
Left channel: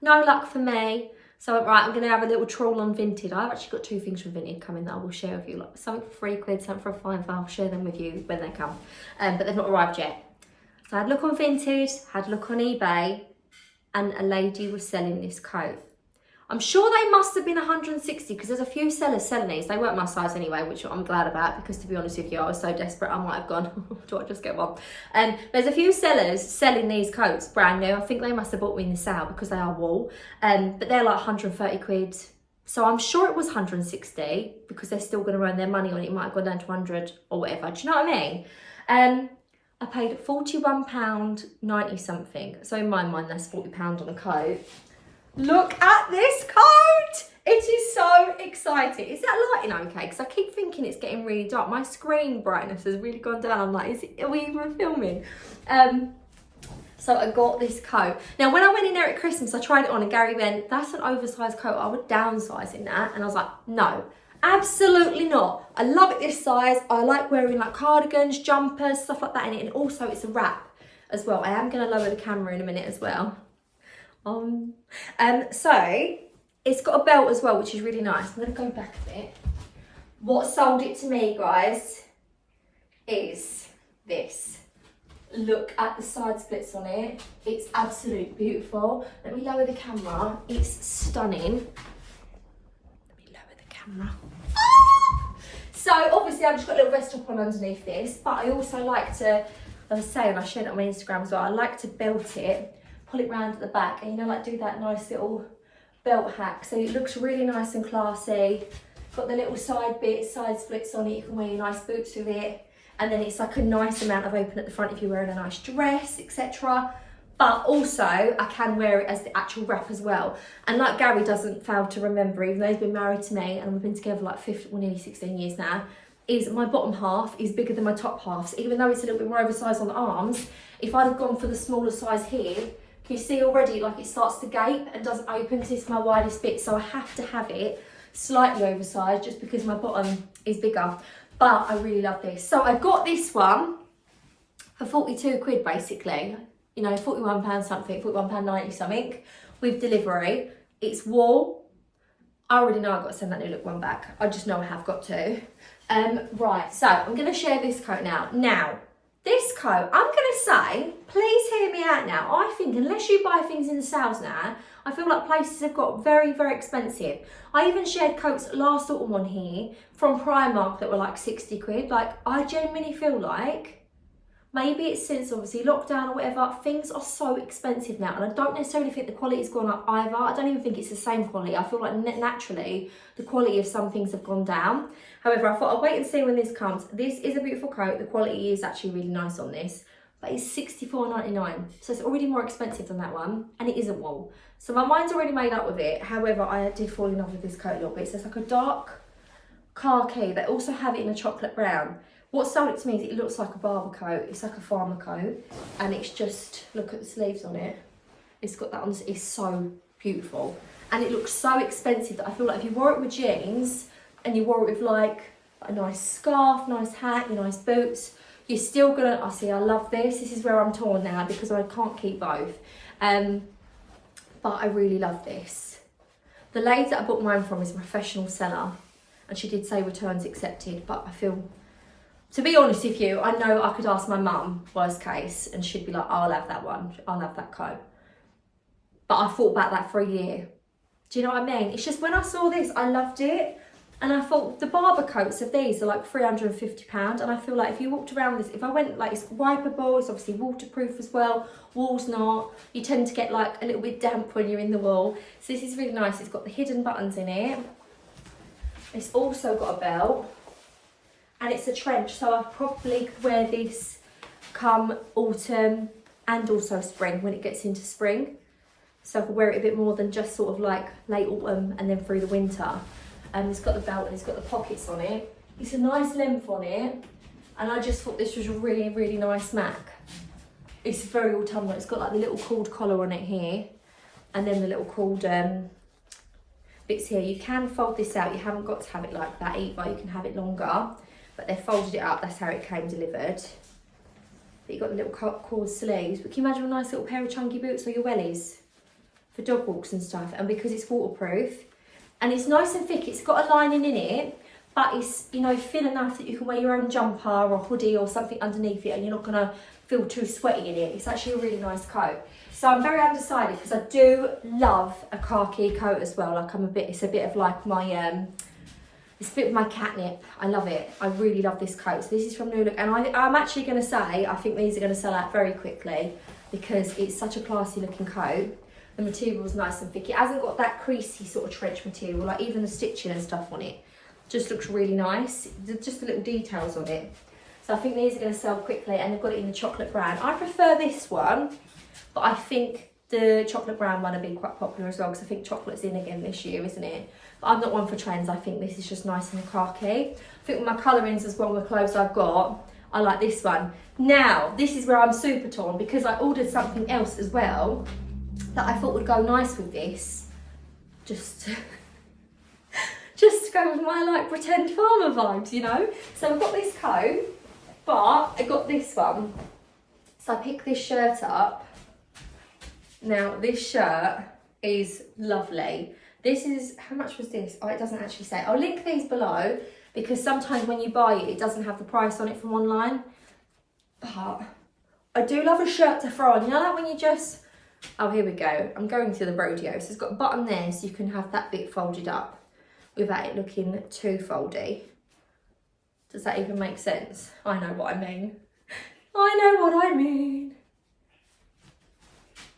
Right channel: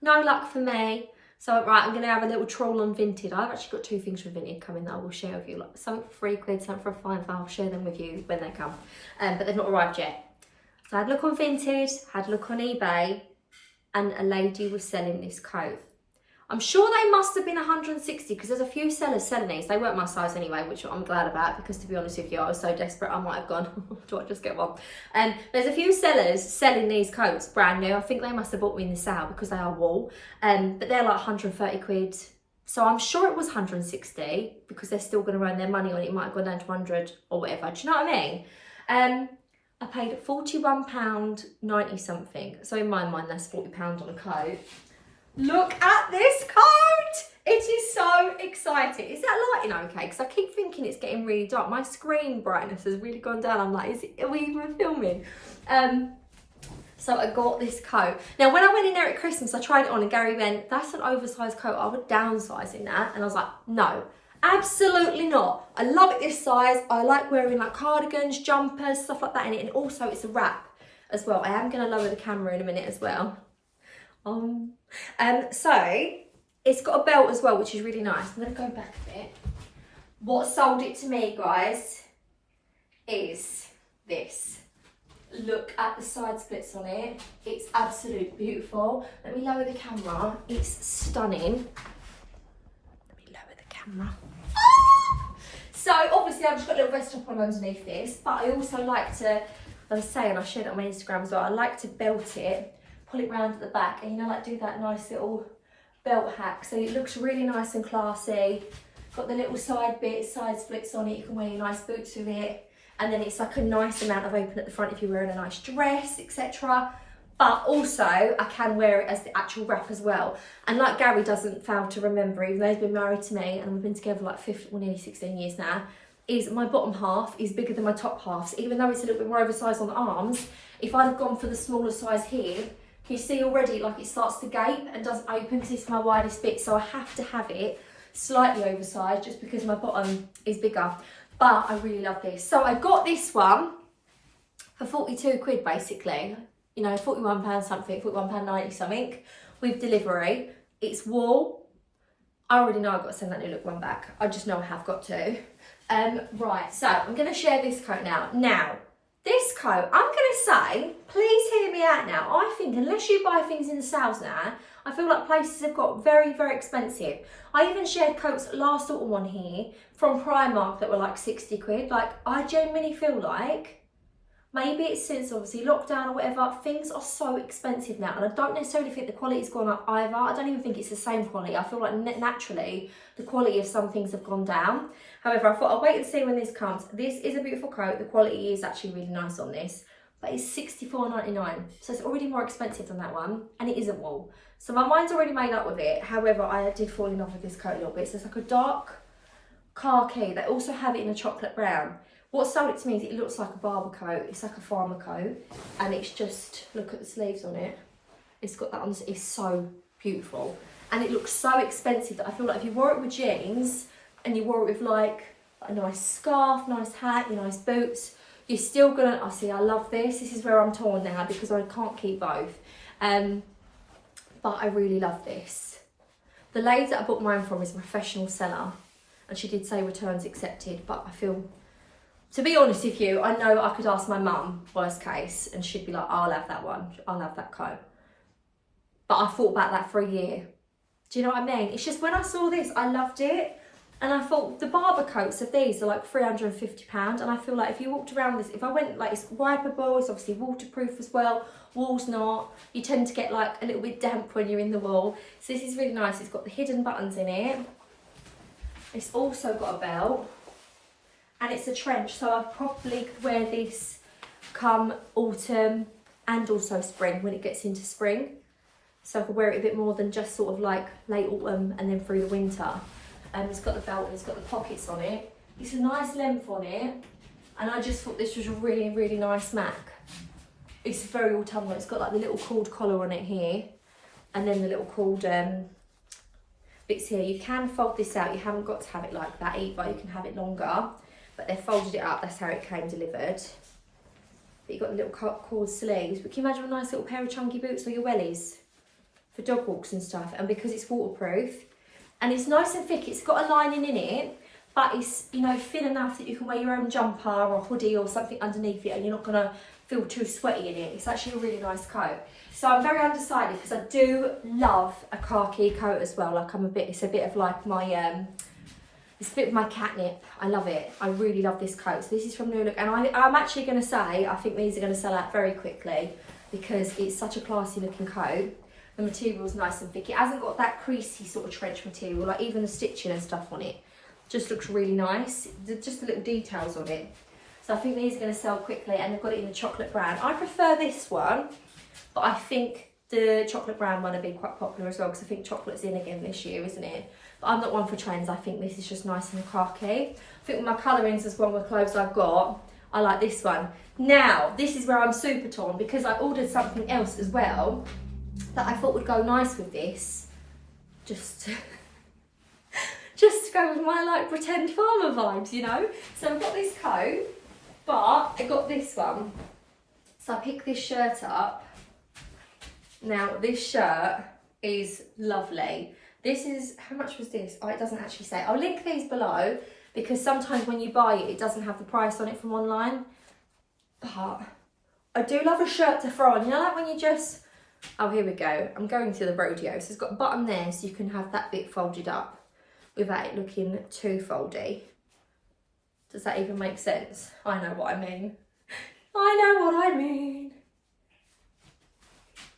No luck for me. So right, I'm going to have a little trawl on Vinted. I've actually got 2 things from Vinted coming that I will share with you. Like something for 3 quid, something for a fine. I'll share them with you when they come. But they've not arrived yet. So I had a look on Vinted, had a look on eBay, and a lady was selling this coat. I'm sure they must have been 160, because there's a few sellers selling these. They weren't my size anyway, which I'm glad about, because to be honest with you, I was so desperate I might have gone, do I just get one? And there's a few sellers selling these coats brand new. I think they must have bought me in the sale because they are wool, but they're like 130 quid. So I'm sure it was 160, because they're still going to earn their money on it. It might have gone down to 100 or whatever. Do you know what I mean? I paid £41.90 something. So in my mind, that's £40 on a coat. Look at this coat! It is so exciting. Is that lighting okay? Because I keep thinking it's getting really dark. My screen brightness has really gone down. I'm like, are we even filming? So I got this coat. Now, when I went in there at Christmas, I tried it on and Gary went, that's an oversized coat. I would downsize in that. And I was like, no, absolutely not. I love it this size. I like wearing like cardigans, jumpers, stuff like that in it. And also it's a wrap as well. I am going to lower the camera in a minute as well. So it's got a belt as well, which is really nice. I'm going to go back a bit. What sold it to me, guys, is this. Look at the side splits on it. It's absolutely beautiful. Let me lower the camera. It's stunning. Let me lower the camera. So obviously I've just got a little vest top on underneath this, but I also like to, as I say, and I shared it on my Instagram as well, I like to belt it, pull it round at the back, and you know, like do that nice little belt hack. So it looks really nice and classy. Got the little side bits, side splits on it. You can wear your nice boots with it. And then it's like a nice amount of open at the front if you're wearing a nice dress, etc. But also I can wear it as the actual wrap as well. And like Gary doesn't fail to remember, even though he's been married to me and we've been together like nearly 16 years now, is my bottom half is bigger than my top half. So even though it's a little bit more oversized on the arms, if I'd have gone for the smaller size here, you see already like it starts to gape and doesn't open because it's my widest bit. So I have to have it slightly oversized just because my bottom is bigger. But I really love this. So I got this one for 42 quid basically. You know, £41 something, £41.90 something with delivery. It's wool. I already know I've got to send that Newlook one back. I just know I have got to. Right, so I'm going to share this coat now. Now, this coat, I'm going to say, please hear me out now. I think unless you buy things in the sales now, I feel like places have got very, very expensive. I even shared coats last autumn on here from Primark that were like 60 quid. Like, I genuinely feel like, maybe it's since obviously lockdown or whatever, things are so expensive now. And I don't necessarily think the quality's gone up either. I don't even think it's the same quality. I feel like naturally the quality of some things have gone down. However, I thought I'll wait and see when this comes. This is a beautiful coat. The quality is actually really nice on this, but it's $64.99. So it's already more expensive than that one, and it isn't wool. So my mind's already made up with it. However, I did fall in love with this coat a little bit. So it's like a dark khaki. They also have it in a chocolate brown. What sold it to me is it looks like a barber coat. It's like a farmer coat. And it's just, look at the sleeves on it. It's got that on, it's so beautiful. And it looks so expensive that I feel like if you wore it with jeans and you wore it with like a nice scarf, nice hat, your nice boots, you're still gonna, I see, I love this. This is where I'm torn now because I can't keep both. But I really love this. The lady that I bought mine from is a professional seller. And she did say returns accepted, but I feel, to be honest with you, I know I could ask my mum, worst case, and she'd be like, oh, I'll have that one. I'll have that coat. But I thought about that for a year. Do you know what I mean? It's just when I saw this, I loved it. And I thought the barber coats of these are like £350. And I feel like if you walked around this, if I went, like, it's wipeable, it's obviously waterproof as well. Wool's not. You tend to get like a little bit damp when you're in the wool. So this is really nice. It's got the hidden buttons in it. It's also got a belt. And it's a trench, so I probably could wear this come autumn and also spring when it gets into spring. So I could wear it a bit more than just sort of like late autumn and then through the winter. It's got the belt and it's got the pockets on it. It's a nice length on it. And I just thought this was a really, really nice Mac. It's very autumnal. It's got like the little cord collar on it here. And then the little cord bits here. You can fold this out. You haven't got to have it like that either. You can have it longer. But they folded it up, that's how it came delivered. But you've got the little cord sleeves. But can you imagine a nice little pair of chunky boots or your wellies for dog walks and stuff? And because it's waterproof, and it's nice and thick, it's got a lining in it, but it's, you know, thin enough that you can wear your own jumper or hoodie or something underneath it and you're not gonna feel too sweaty in it. It's actually a really nice coat. So I'm very undecided because I do love a khaki coat as well. Like it's a bit of like my, it's a bit of my catnip. I love it. I really love this coat. So this is from Newlook. And I'm actually going to say, I think these are going to sell out very quickly because it's such a classy looking coat. The material's nice and thick. It hasn't got that creasy sort of trench material. Like even the stitching and stuff on it just looks really nice. Just the little details on it. So I think these are going to sell quickly and they've got it in the chocolate brown. I prefer this one, but I think the chocolate brown one will be quite popular as well because I think chocolate's in again this year, isn't it? But I'm not one for trends. I think this is just nice and khaki. I think with my colourings as well, with clothes I've got, I like this one. Now, this is where I'm super torn because I ordered something else as well that I thought would go nice with this. Just to go with my like pretend farmer vibes, you know? So I've got this coat, but I got this one. So I picked this shirt up. Now, this shirt is lovely. This is, how much was this? Oh, it doesn't actually say. I'll link these below because sometimes when you buy it, it doesn't have the price on it from online. But I do love a shirt to throw on. You know, like when you just, oh, here we go. I'm going to the rodeo. So it's got a button there so you can have that bit folded up without it looking too foldy. Does that even make sense? I know what I mean. I know what I mean.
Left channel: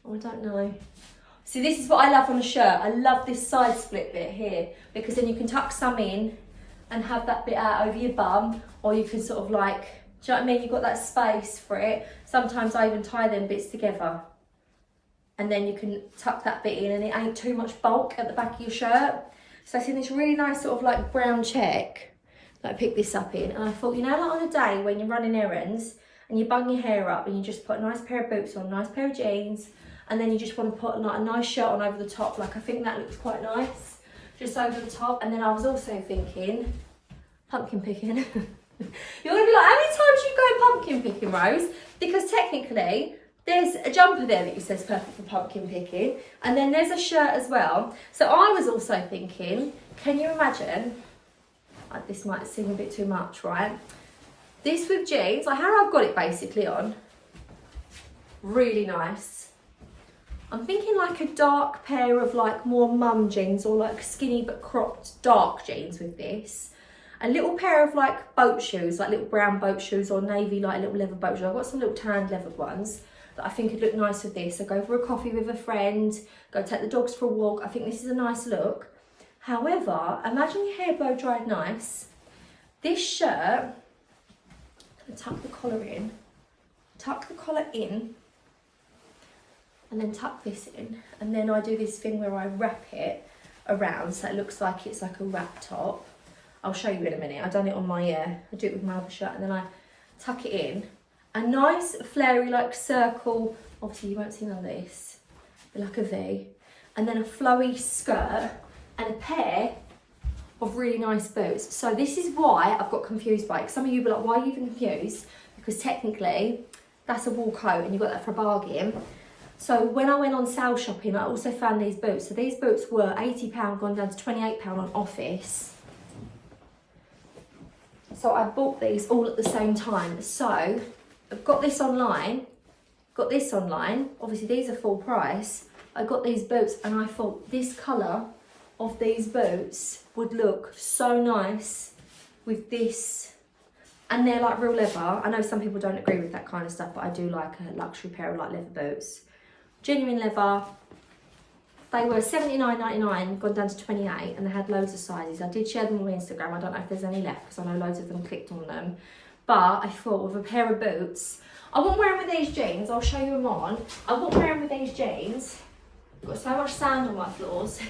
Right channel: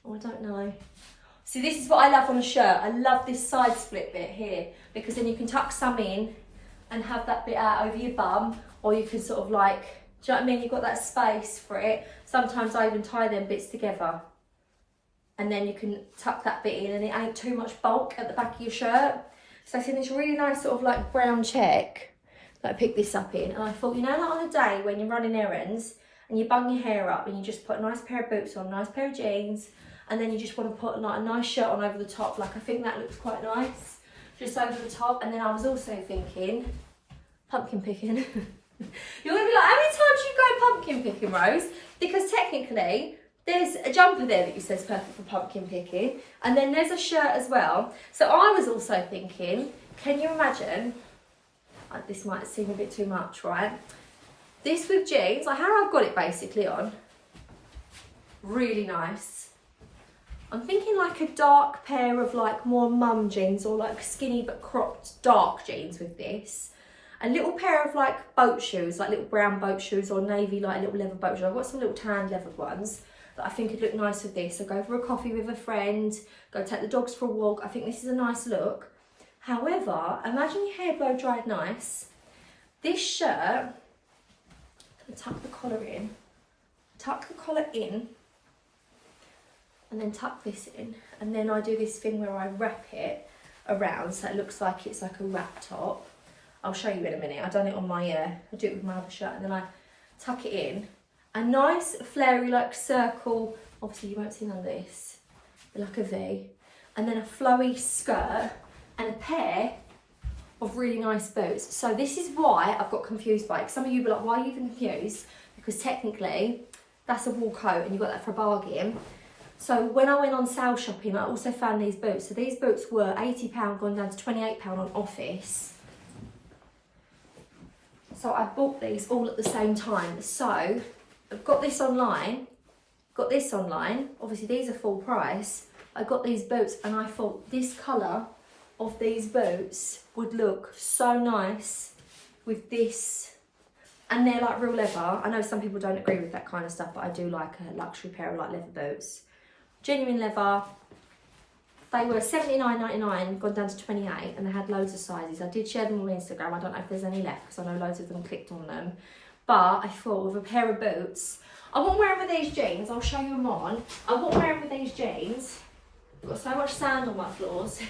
Oh, I don't know. See, this is what I love on a shirt. I love this side split bit here because then you can tuck some in and have that bit out over your bum, or you can sort of like, do you know what I mean? You've got that space for it. Sometimes I even tie them bits together and then you can tuck that bit in and it ain't too much bulk at the back of your shirt. So I see this really nice sort of like brown check that I picked this up in, and I thought, you know, like on a day when you're running errands and you bung your hair up and you just put a nice pair of boots on, a nice pair of jeans, and then you just want to put like a nice shirt on over the top. Like I think that looks quite nice, just over the top. And then I was also thinking, pumpkin picking. You're gonna be like, how many times do you go pumpkin picking, Rose? Because technically, There's a jumper there that says perfect for pumpkin picking. And then there's a shirt as well. So I was also thinking, can you imagine, this might seem a bit too much, right? This with jeans, like how I've got it basically on, really nice. I'm thinking like a dark pair of like more mum jeans or like skinny but cropped dark jeans with this. A little pair of like boat shoes, like little brown boat shoes or navy like little leather boat shoes. I've got some little tan leathered ones that I think would look nice with this. So go for a coffee with a friend, go take the dogs for a walk. I think this is a nice look. However, imagine your hair blow dried nice. This shirt, I'm gonna tuck the collar in, and then tuck this in, and then I do this thing where I wrap it around so it looks like it's like a wrap top. I'll show you in a minute. I've done it on my, I do it with my other shirt, and then I tuck it in. A nice flary like circle, obviously you won't see none of this, but like a V, and then a flowy skirt and a pair of really nice boots. So this is why I've got confused by it. Some of you were like, why are you even confused? Because technically that's a wool coat and you got that for a bargain. So when I went on sale shopping, I also found these boots. So these boots were £80, gone down to £28 on Office. So I bought these all at the same time. So I've got this online, Obviously these are full price. I got these boots and I thought this colour of these boots would look so nice with this. And they're like real leather. I know some people don't agree with that kind of stuff, but I do like a luxury pair of like leather boots. Genuine leather. They were $79.99, gone down to 28, and they had loads of sizes. I did share them on Instagram. I don't know if there's any left because I know loads of them clicked on them. But I thought with a pair of boots, I wouldn't wear them with these jeans. I'll show you them on. I wouldn't wear them with these jeans. I've got so much sand on my floors.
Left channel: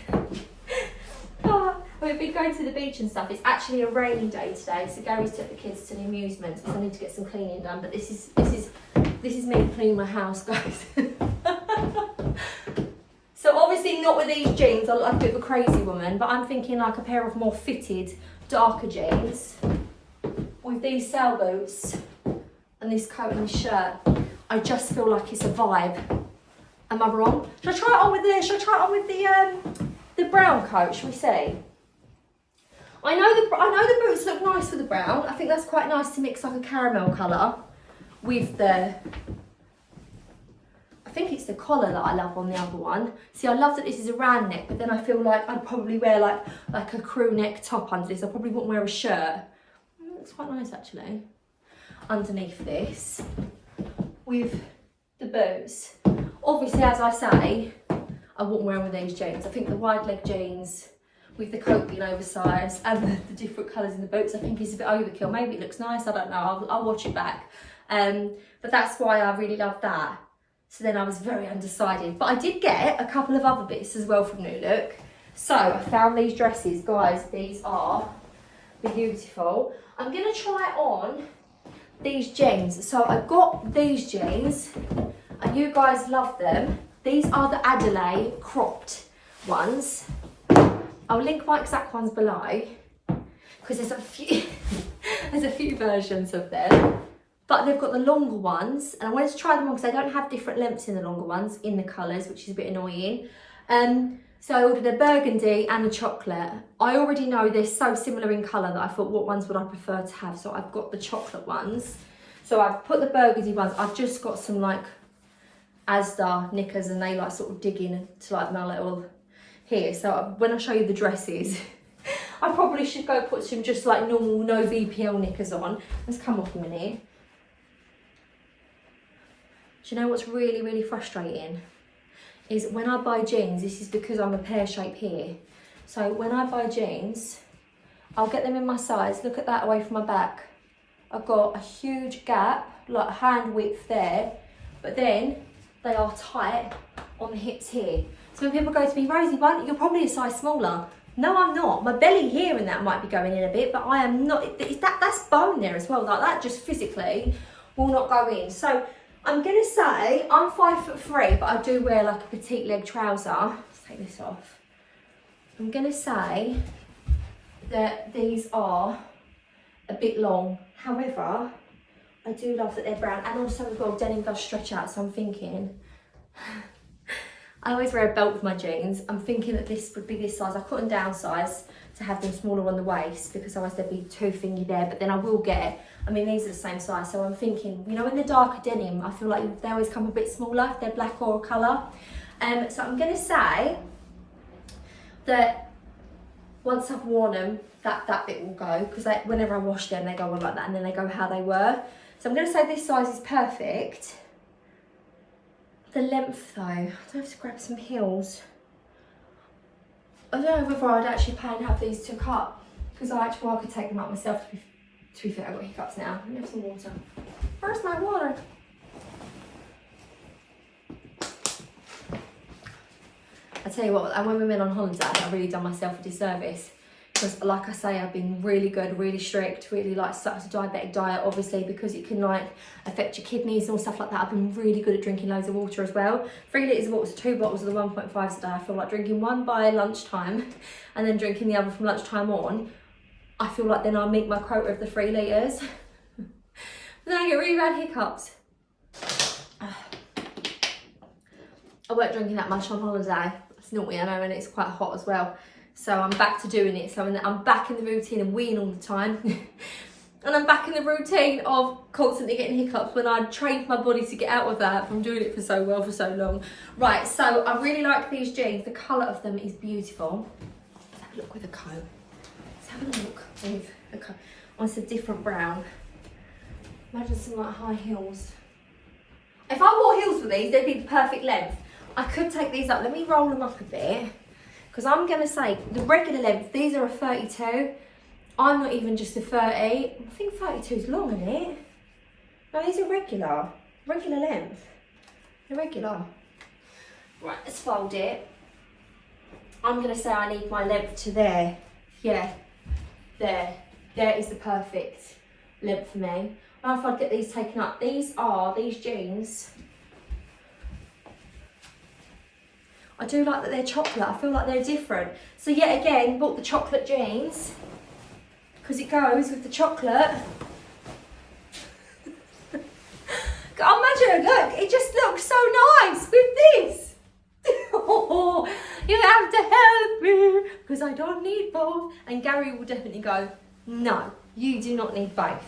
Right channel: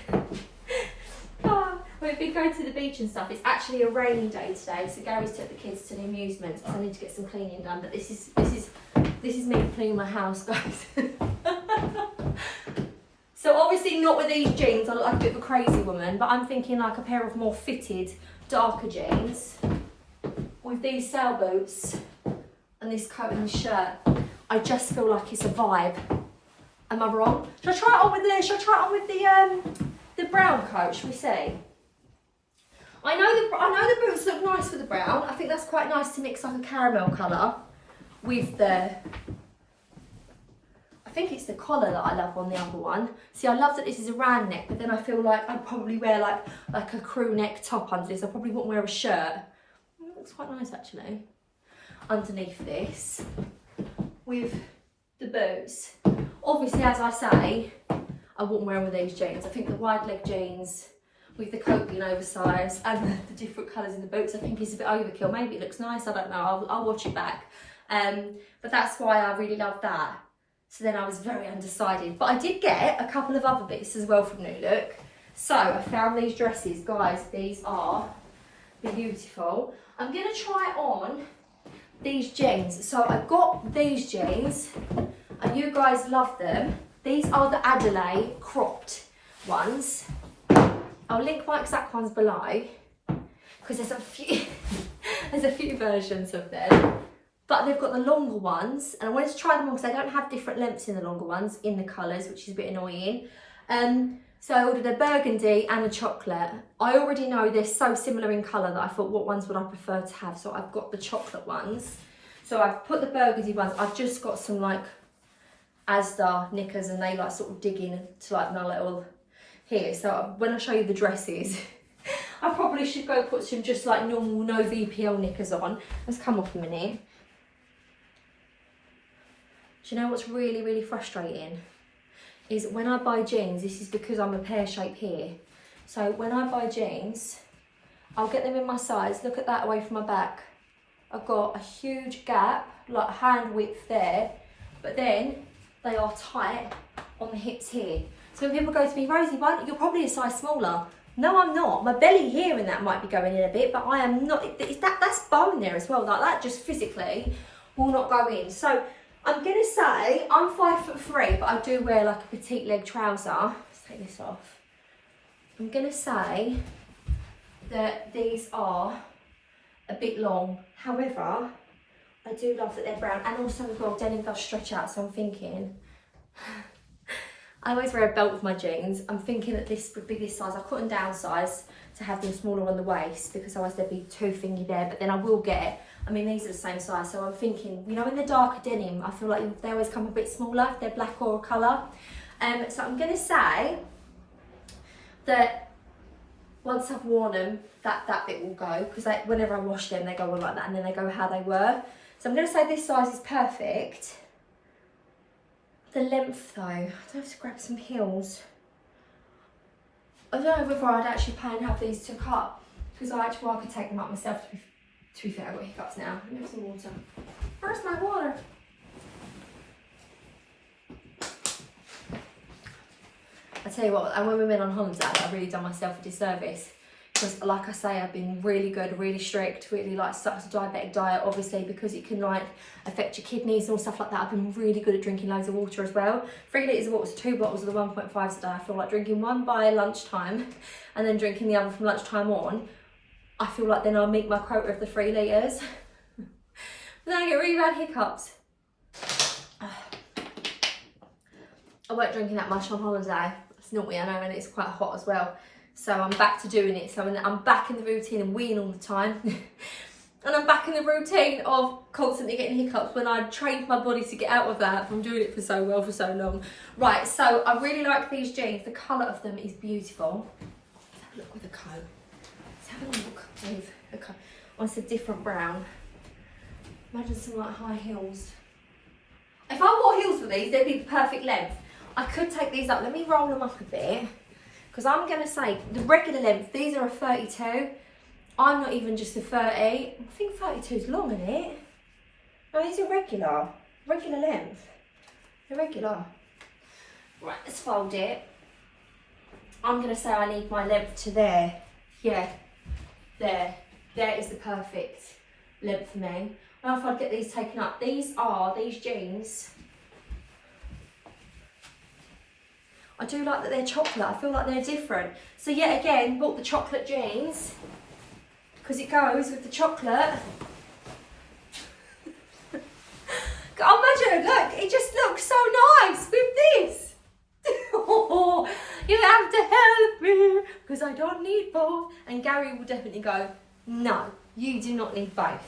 We've been going to the beach and stuff. It's actually a rainy day today, so Gary's took the kids to the amusements because I need to get some cleaning done. But this is me cleaning my house, guys. So obviously not with these jeans. I look like a bit of a crazy woman, but I'm thinking like a pair of more fitted, darker jeans with these sail boots and this coat and this shirt. I just feel like it's a vibe. Am I wrong? Should I try it on with the brown coat? Should we see? I know the boots look nice for the brown. I think that's quite nice to mix like a caramel colour with the, I think it's the collar that I love on the other one. See, I love that this is a round neck, but then I feel like I'd probably wear like a crew neck top under this. I probably wouldn't wear a shirt. It looks quite nice actually. Underneath this, with the boots. Obviously, as I say, I wouldn't wear them with these jeans. I think the wide leg jeans with the coat being oversized and the different colours in the boots, I think is a bit overkill. Maybe it looks nice, I don't know. I'll watch it back. But that's why I really love that. So then I was very undecided. But I did get a couple of other bits as well from Newlook. So I found these dresses. Guys, these are beautiful. I'm going to try on these jeans. So I got these jeans and you guys love them. These are the Adelaide cropped ones. I'll link my exact ones below because there's a few versions of them. But they've got the longer ones, and I wanted to try them on because they don't have different lengths in the longer ones in the colours, which is a bit annoying. So I ordered a burgundy and a chocolate. I already know they're so similar in colour that I thought, what ones would I prefer to have? So I've got the chocolate ones. So I've put the burgundy ones. I've just got some like Asda knickers, and they like sort of dig in to like my little here. So when I show you the dresses, I probably should go put some just like normal no VPL knickers on. Let's come off a minute. Do you know what's really, really frustrating? Is when I buy jeans, this is because I'm a pear shape here. So when I buy jeans, I'll get them in my size. Look at that away from my back. I've got a huge gap, like hand width there, but then they are tight on the hips here. So when people go to me, Rosie, you're probably a size smaller. No, I'm not. My belly here and that might be going in a bit, but I am not. That's bone there as well. Like that just physically will not go in. So I'm gonna say I'm 5'3", but I do wear like a petite leg trouser. Let's take this off. I'm gonna say that these are a bit long. However, I do love that they're brown, and also as well, denim does stretch out, so I'm thinking, I always wear a belt with my jeans. I'm thinking that this would be this size. I couldn't downsize to have them smaller on the waist because otherwise they'd be too thingy there, but then I will get, I mean, these are the same size, so I'm thinking, you know, in the darker denim, I feel like they always come a bit smaller if they're black or a colour. So I'm going to say that once I've worn them, that bit will go, because whenever I wash them, they go on like that, and then they go how they were. So I'm going to say this size is perfect. The length though, I don't have to grab some heels. I don't know whether I'd actually pay and have these took up, because I could take them up myself. To be fair, I've got hiccups now. Let me have some water. Where's my water? I tell you what, and when we went on holiday, I really done myself a disservice. Because like I say, I've been really good, really strict, really like stuck to diabetic diet, obviously, because it can like affect your kidneys and all stuff like that. I've been really good at drinking loads of water as well. 3 litres of water, so 2 bottles of the 1.5s a day. I feel like drinking one by lunchtime and then drinking the other from lunchtime on. I feel like then I'll meet my quota of the 3 litres. Then I get really bad hiccups. I weren't drinking that much on holiday. It's naughty, I know, and it's quite hot as well. So I'm back to doing it. So I'm back in the routine of weeing all the time. And I'm back in the routine of constantly getting hiccups when I trained my body to get out of that from doing it for so well for so long. Right, so I really like these jeans. The colour of them is beautiful. Let's have a look with a coat. Let's have a look with a coat. Oh, it's a different brown. Imagine some like high heels. If I wore heels with these, they'd be the perfect length. I could take these up. Let me roll them up a bit. Because I'm going to say, the regular length, these are a 32. I'm not even just a 30. I think 32 is long, isn't it? No, these are regular length. They're regular. Right, let's fold it. I'm going to say I need my length to there. Yeah, there. There is the perfect length for me. I don't know if I'd get these taken up. These jeans. I do like that they're chocolate. I feel like they're different. So yet again, bought the chocolate jeans because it goes with the chocolate. Imagine, look, it just looks so nice with this. Oh, you have to help me because I don't need both. And Gary will definitely go, no, you do not need both.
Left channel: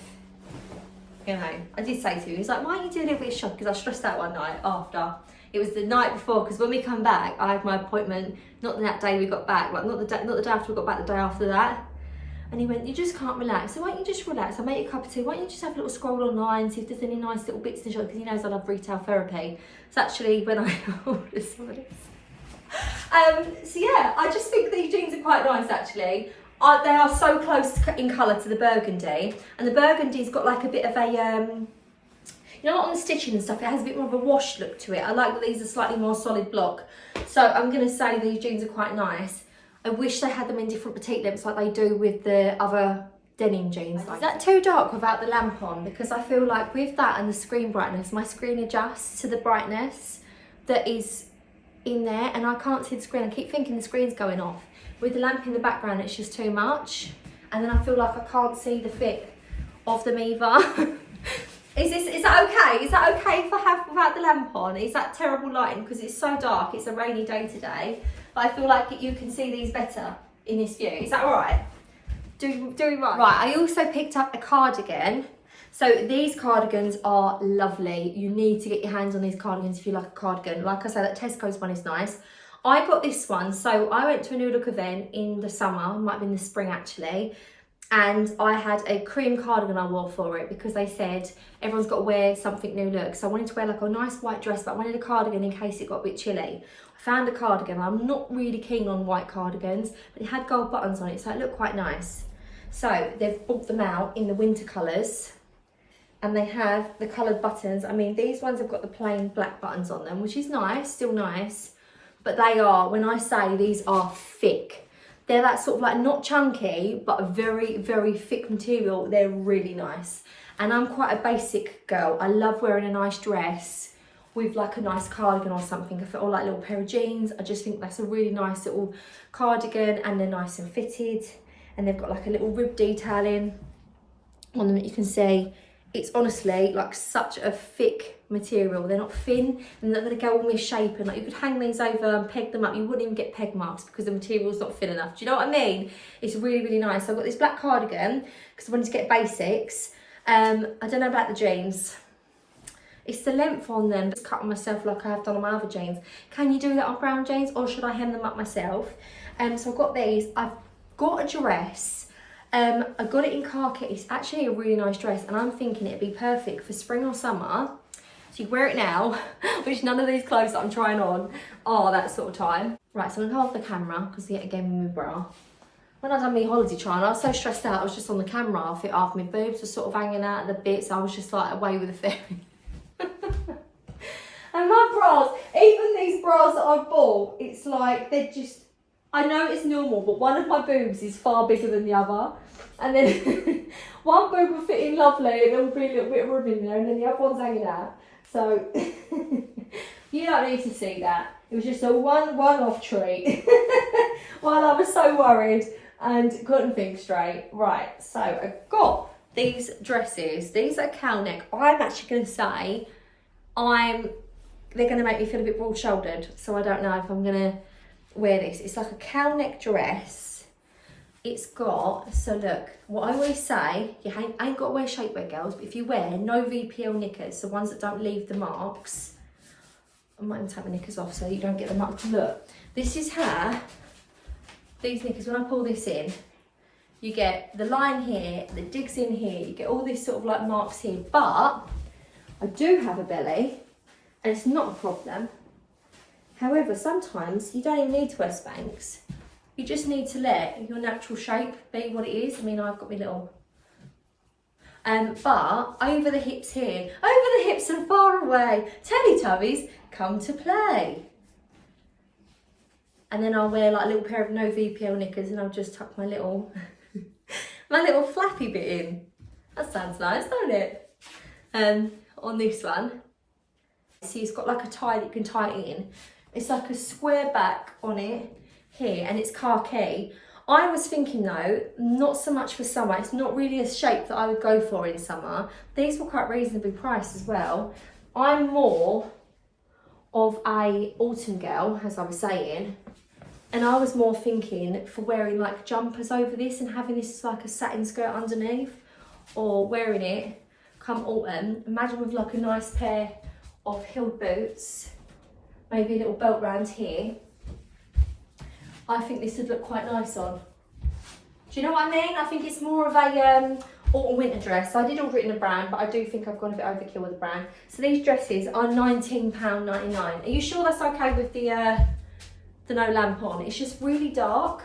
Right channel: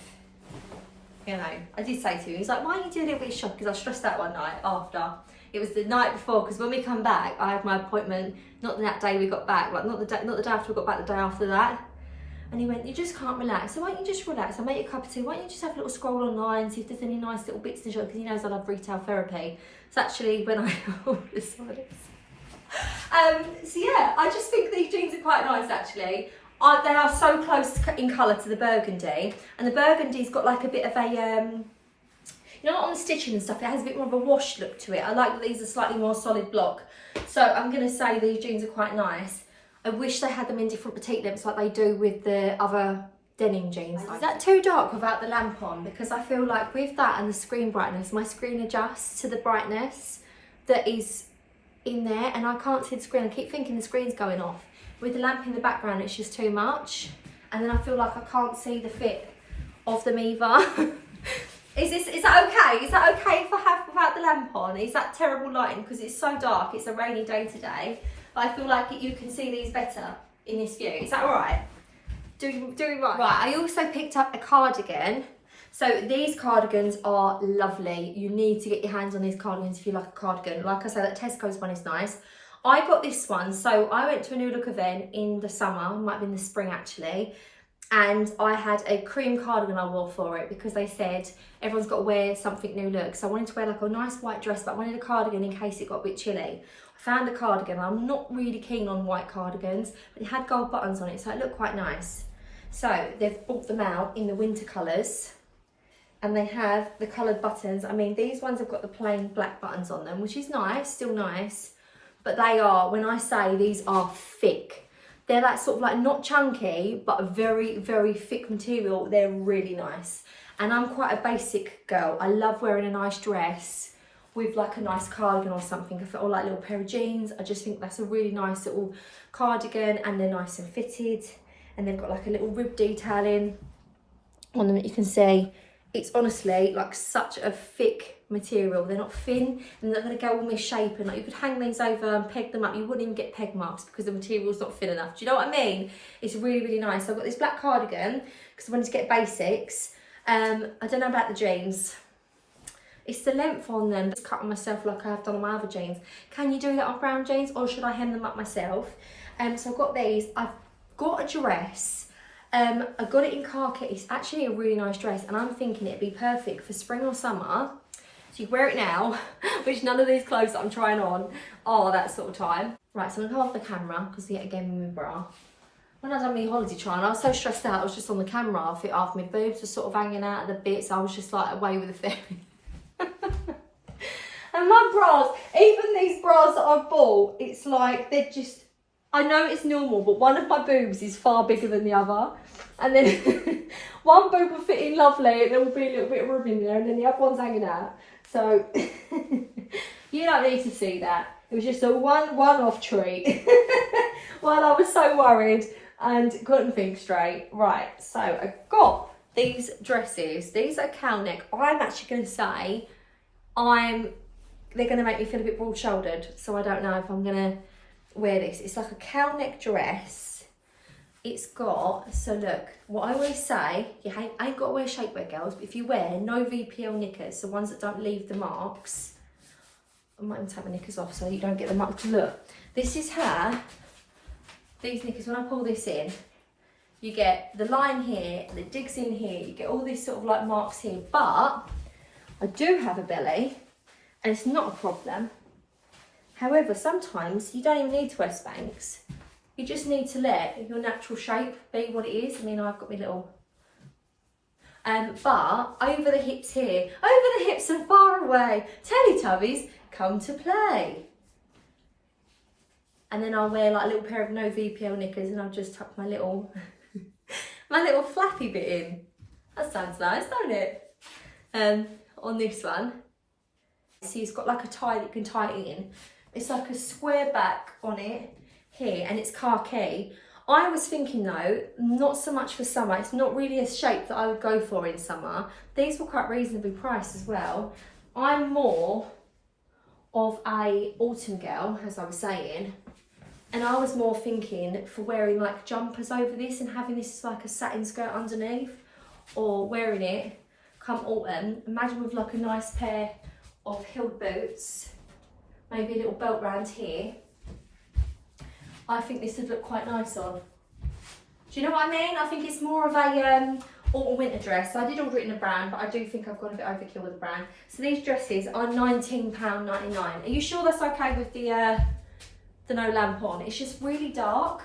You know, I did say to him, he's like, why don't you do a little bit of shopping? Because I stressed out one night after. It was the night before, because when we come back, I had my appointment, not that day we got back, like not the day after we got back, the day after that. And he went, you just can't relax. So why don't you just relax? I'll make you a cup of tea. Why don't you just have a little scroll online, see if there's any nice little bits in the shop, because he knows I love retail therapy. It's actually when I ordered some of this. So yeah, I just think these jeans are quite nice actually. They are so close in colour to the burgundy, and the burgundy's got like a bit of a, you know, on the stitching and stuff, it has a bit more of a wash look to it. I like that these are slightly more solid block. So I'm going to say these jeans are quite nice. I wish they had them in different petite lengths like they do with the other denim jeans. Is that too dark without the lamp on? Because I feel like with that and the screen brightness, my screen adjusts to the brightness that is in there, and I can't see the screen. I keep thinking the screen's going off. With the lamp in the background, it's just too much. And then I feel like I can't see the fit of them either. Is that okay? Is that okay if I have without the lamp on? Is that terrible lighting? Because it's so dark, it's a rainy day today. But I feel like you can see these better in this view. Is that all right? Do we right? Right, I also picked up a cardigan. So these cardigans are lovely. You need to get your hands on these cardigans if you like a cardigan. Like I said, that Tesco's one is nice. I got this one. So I went to a Newlook event in the summer, might have been the spring actually. And I had a cream cardigan I wore for it because they said everyone's got to wear something new look. So I wanted to wear like a nice white dress, but I wanted a cardigan in case it got a bit chilly. I found a cardigan. I'm not really keen on white cardigans, but it had gold buttons on it, so it looked quite nice. So they've brought them out in the winter colours, and they have the coloured buttons. I mean, these ones have got the plain black buttons on them, which is nice, still nice. But they are, when I say these are thick, they're that sort of like not chunky, but a very, very thick material. They're really nice. And I'm quite a basic girl. I love wearing a nice dress with like a nice cardigan or something, or like a little pair of jeans. I just think that's a really nice little cardigan, and they're nice and fitted. And they've got like a little rib detailing on them that you can see. It's honestly like such a thick material. They're not thin and they're going to go all misshapen. Like you could hang these over and peg them up. You wouldn't even get peg marks because the material's not thin enough. Do you know what I mean? It's really, really nice. So I've got this black cardigan because I wanted to get basics. I don't know about the jeans. It's the length on them. Just cut on myself like I have done on my other jeans. Can you do that on brown jeans or should I hem them up myself? So I've got these. I've got a dress. I got it in khaki. It's actually a really nice dress and I'm thinking it'd be perfect for spring or summer. So you wear it now, which none of these clothes that I'm trying on are that sort of time. Right, so I'm gonna come off the camera because yet again with my bra. When I done my holiday trying, I was so stressed out. I was just on the camera after my boobs were sort of hanging out of the bits. I was just like away with the fairy. And my bras, even these bras that I've bought, it's like they're just, I know it's normal, but one of my boobs is far bigger than the other. And then one boob will fit in lovely and there will be a little bit of room in there and then the other one's hanging out. So you don't need to see that. It was just a one-off treat while I was so worried and couldn't think straight. Right, so I've got these dresses. These are cow neck. I'm actually going to say they're going to make me feel a bit broad-shouldered. So I don't know if I'm going to wear this. It's like a cow neck dress. It's got, so look, what I always say, you ain't got to wear shapewear, girls, but if you wear no VPL knickers, the ones that don't leave the marks, I might even take my knickers off so you don't get the marks. Look, this is how these knickers, when I pull this in, you get the line here, the digs in here, you get all this sort of like marks here, but I do have a belly and it's not a problem. However, sometimes you don't even need to wear Spanx. You just need to let your natural shape be what it is. I mean, I've got my little... but over the hips here, over the hips and far away, Teletubbies come to play. And then I'll wear like a little pair of no VPL knickers and I'll just tuck my little, my little flappy bit in. That sounds nice, don't it? On this one. See, it's got like a tie that you can tie it in. It's like a square back on it. Here and it's khaki. I was thinking though, not so much for summer. It's not really a shape that I would go for in summer. These were quite reasonably priced as well. I'm more of a autumn girl, as I was saying, and I was more thinking for wearing like jumpers over this and having this like a satin skirt underneath, or wearing it come autumn. Imagine with like a nice pair of heeled boots, maybe a little belt round here. I think this would look quite nice on. Do you know what I mean? I think it's more of a autumn winter dress. So I did order it in a brown, but I do think I've gone a bit overkill with the brown. So these dresses are £19.99. Are you sure that's okay with the no lamp on? It's just really dark.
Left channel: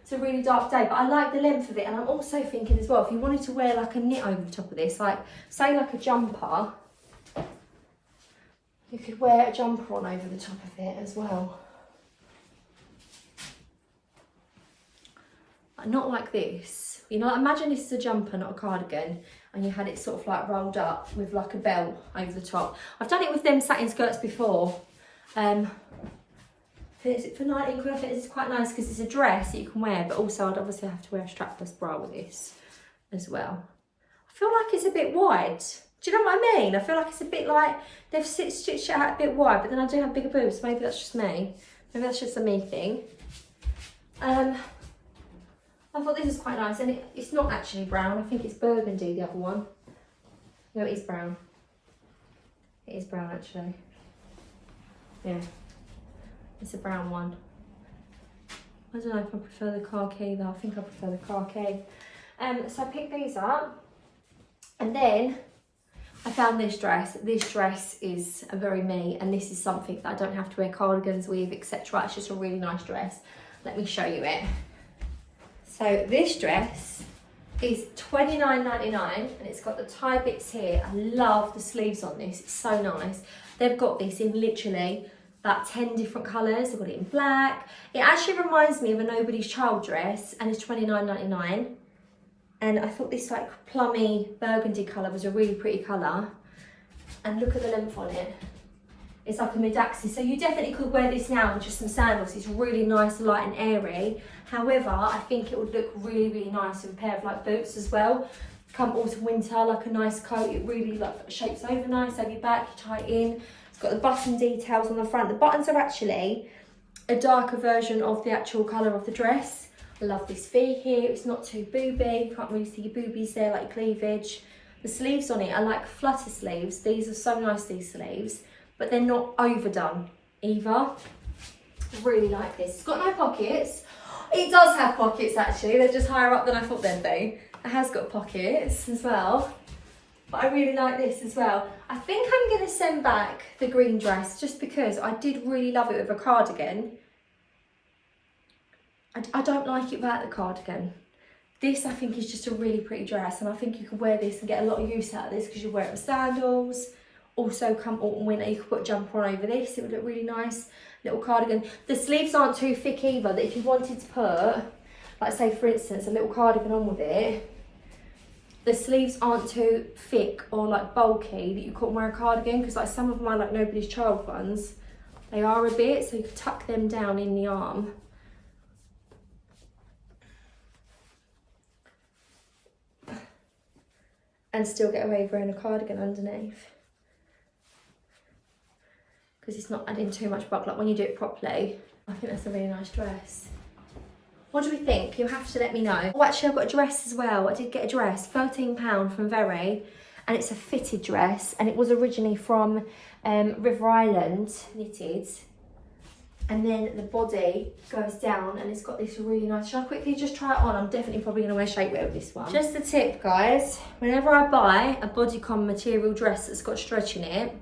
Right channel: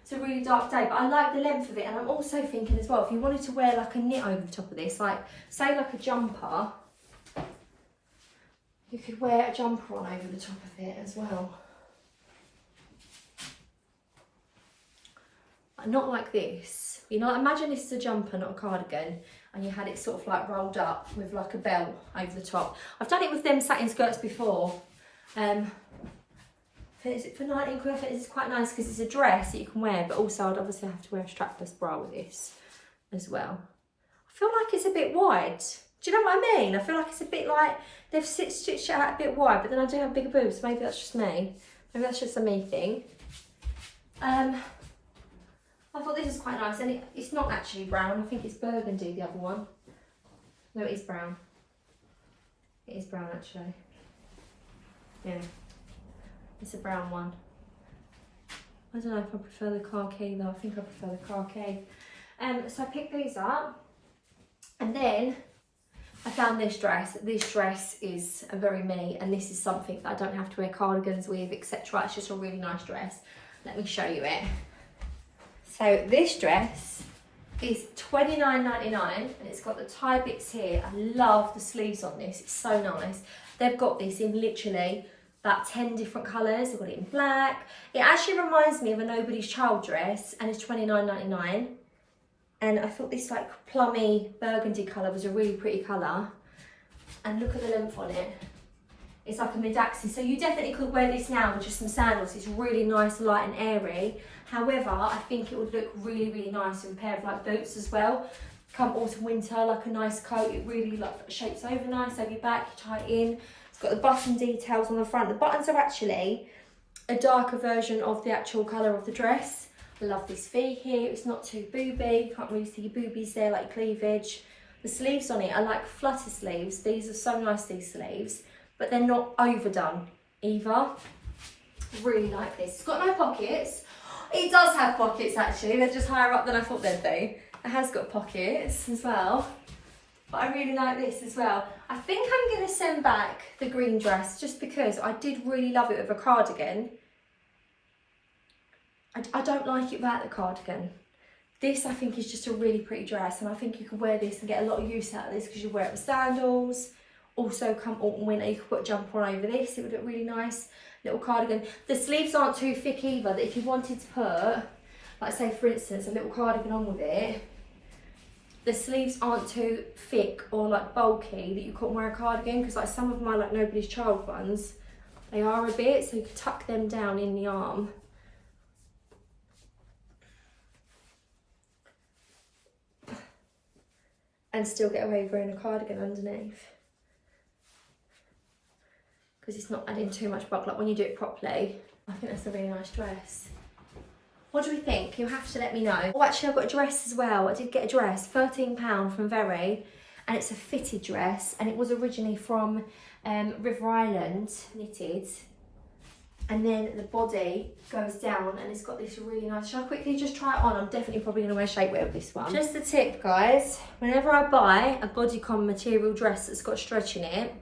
It's a really dark day, but I like the length of it. And I'm also thinking as well, if you wanted to wear like a knit over the top of this, like say like a jumper, you could wear a jumper on over the top of it as well. Not like this, you know, imagine this is a jumper, not a cardigan, and you had it sort of like rolled up with like a belt over the top. I've done it with them satin skirts before. Is it for 19 quid? I think this is quite nice because it's a dress that you can wear, but also I'd obviously have to wear a strapless bra with this as well. I feel like it's a bit wide. Do you know what I mean? I feel like it's a bit like they've stitched it out a bit wide, but then I do have bigger boobs. Maybe that's just me. Maybe that's just a me thing. I thought this is quite nice, and it's not actually brown. I think it's burgundy, the other one. No, it is brown. It is brown, actually. Yeah. It's a brown one. I don't know if I prefer the khaki, though. I think I prefer the khaki. So I picked these up, and then I found this dress. This dress is a very me, and this is something that I don't have to wear cardigans with, etc. It's just a really nice dress. Let me show you it. So this dress is $29.99 and it's got the tie bits here. I love the sleeves on this, it's so nice. They've got this in literally about 10 different colours. They've got it in black. It actually reminds me of a Nobody's Child dress and it's $29.99. And I thought this like plummy burgundy colour was a really pretty colour. And look at the length on it. It's like a mid-axis, so you definitely could wear this now with just some sandals. It's really nice, light and airy. However, I think it would look really, really nice with a pair of like boots as well. come autumn winter, like a nice coat. It really like shapes over nice over your back, you tie it in. It's got the button details on the front. The buttons are actually a darker version of the actual colour of the dress. I love this V here, it's not too booby, you can't really see your boobies there, like cleavage. The sleeves on it are like flutter sleeves. These are so nice, these sleeves, but they're not overdone either. Really like this. It's got no pockets. It does have pockets actually, they're just higher up than I thought they'd be. It has got pockets as well. But I really like this as well. I think I'm going to send back the green dress just because I did really love it with a cardigan. I don't like it without the cardigan. This I think is just a really pretty dress, and I think you could wear this and get a lot of use out of this because you wear it with sandals. Also come autumn winter you could put a jumper on over this, it would look really nice. Little cardigan. The sleeves aren't too thick either, that if you wanted to put, like say for instance, a little cardigan on with it, the sleeves aren't too thick or like bulky that you couldn't wear a cardigan, because like some of my like nobody's child ones, they are a bit, so you could tuck them down in the arm. And still get away with wearing a cardigan underneath. Because it's not adding too much bulk, like when you do it properly. I think that's a really nice dress. What do we think? You'll have to let me know. Oh, actually I've got a dress as well. I did get a dress, £13 from Very, and it's a fitted dress, and it was originally from River Island, knitted. And then the body goes down and it's got this really nice, shall I quickly just try it on? I'm definitely probably gonna wear shapewear with this one. Just a tip guys, whenever I buy a bodycon material dress that's got stretch in it,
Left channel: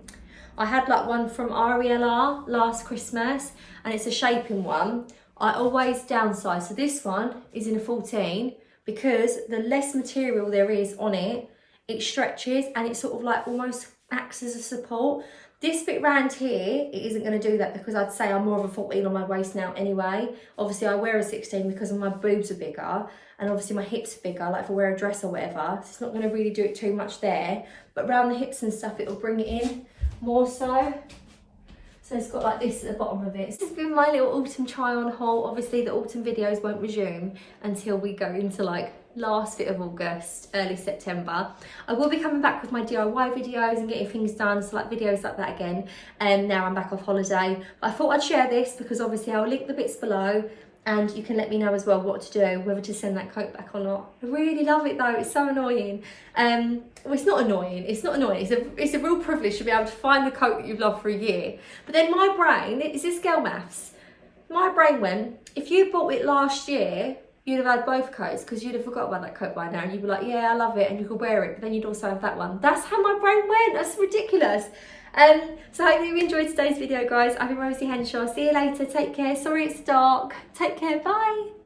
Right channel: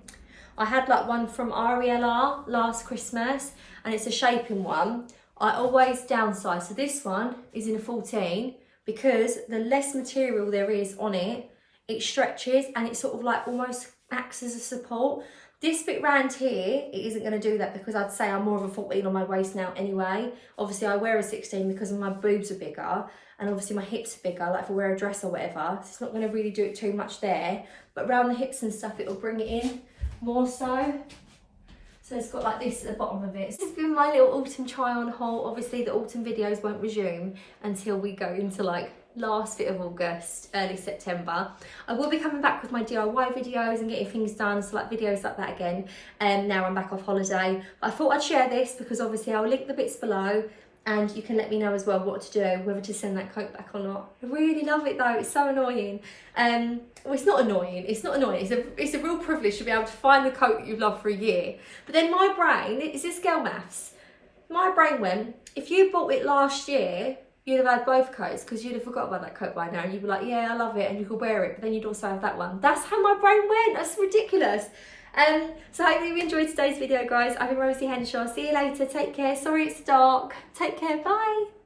I had like one from RELR last Christmas and it's a shaping one. I always downsize, so this one is in a 14 because the less material there is on it, it stretches and it sort of like almost acts as a support. This bit round here, it isn't going to do that because I'd say I'm more of a 14 on my waist now anyway. Obviously I wear a 16 because my boobs are bigger and obviously my hips are bigger, like if I wear a dress or whatever. So it's not going to really do it too much there, but around the hips and stuff it'll bring it in more so. So it's got like this at the bottom of it. This has been my little autumn try on haul. Obviously the autumn videos won't resume until we go into like last bit of August, early September. I will be coming back with my DIY videos and getting things done, so like videos like that again. Now I'm back off holiday. But I thought I'd share this because obviously I'll link the bits below and you can let me know as well what to do, whether to send that coat back or not. I really love it though, it's so annoying. Well, it's not annoying, it's a real privilege to be able to find the coat that you've loved for a year. But then my brain, is this girl maths? My brain went, if you bought it last year, you'd have had both coats because you'd have forgot about that coat by now and you'd be like, yeah, I love it, and you could wear it, but then you'd also have that one. That's how my brain went, that's ridiculous. So I hope you enjoyed today's video guys. I've been Rosie Henshaw, see you later, take care. Sorry it's dark, take care, bye.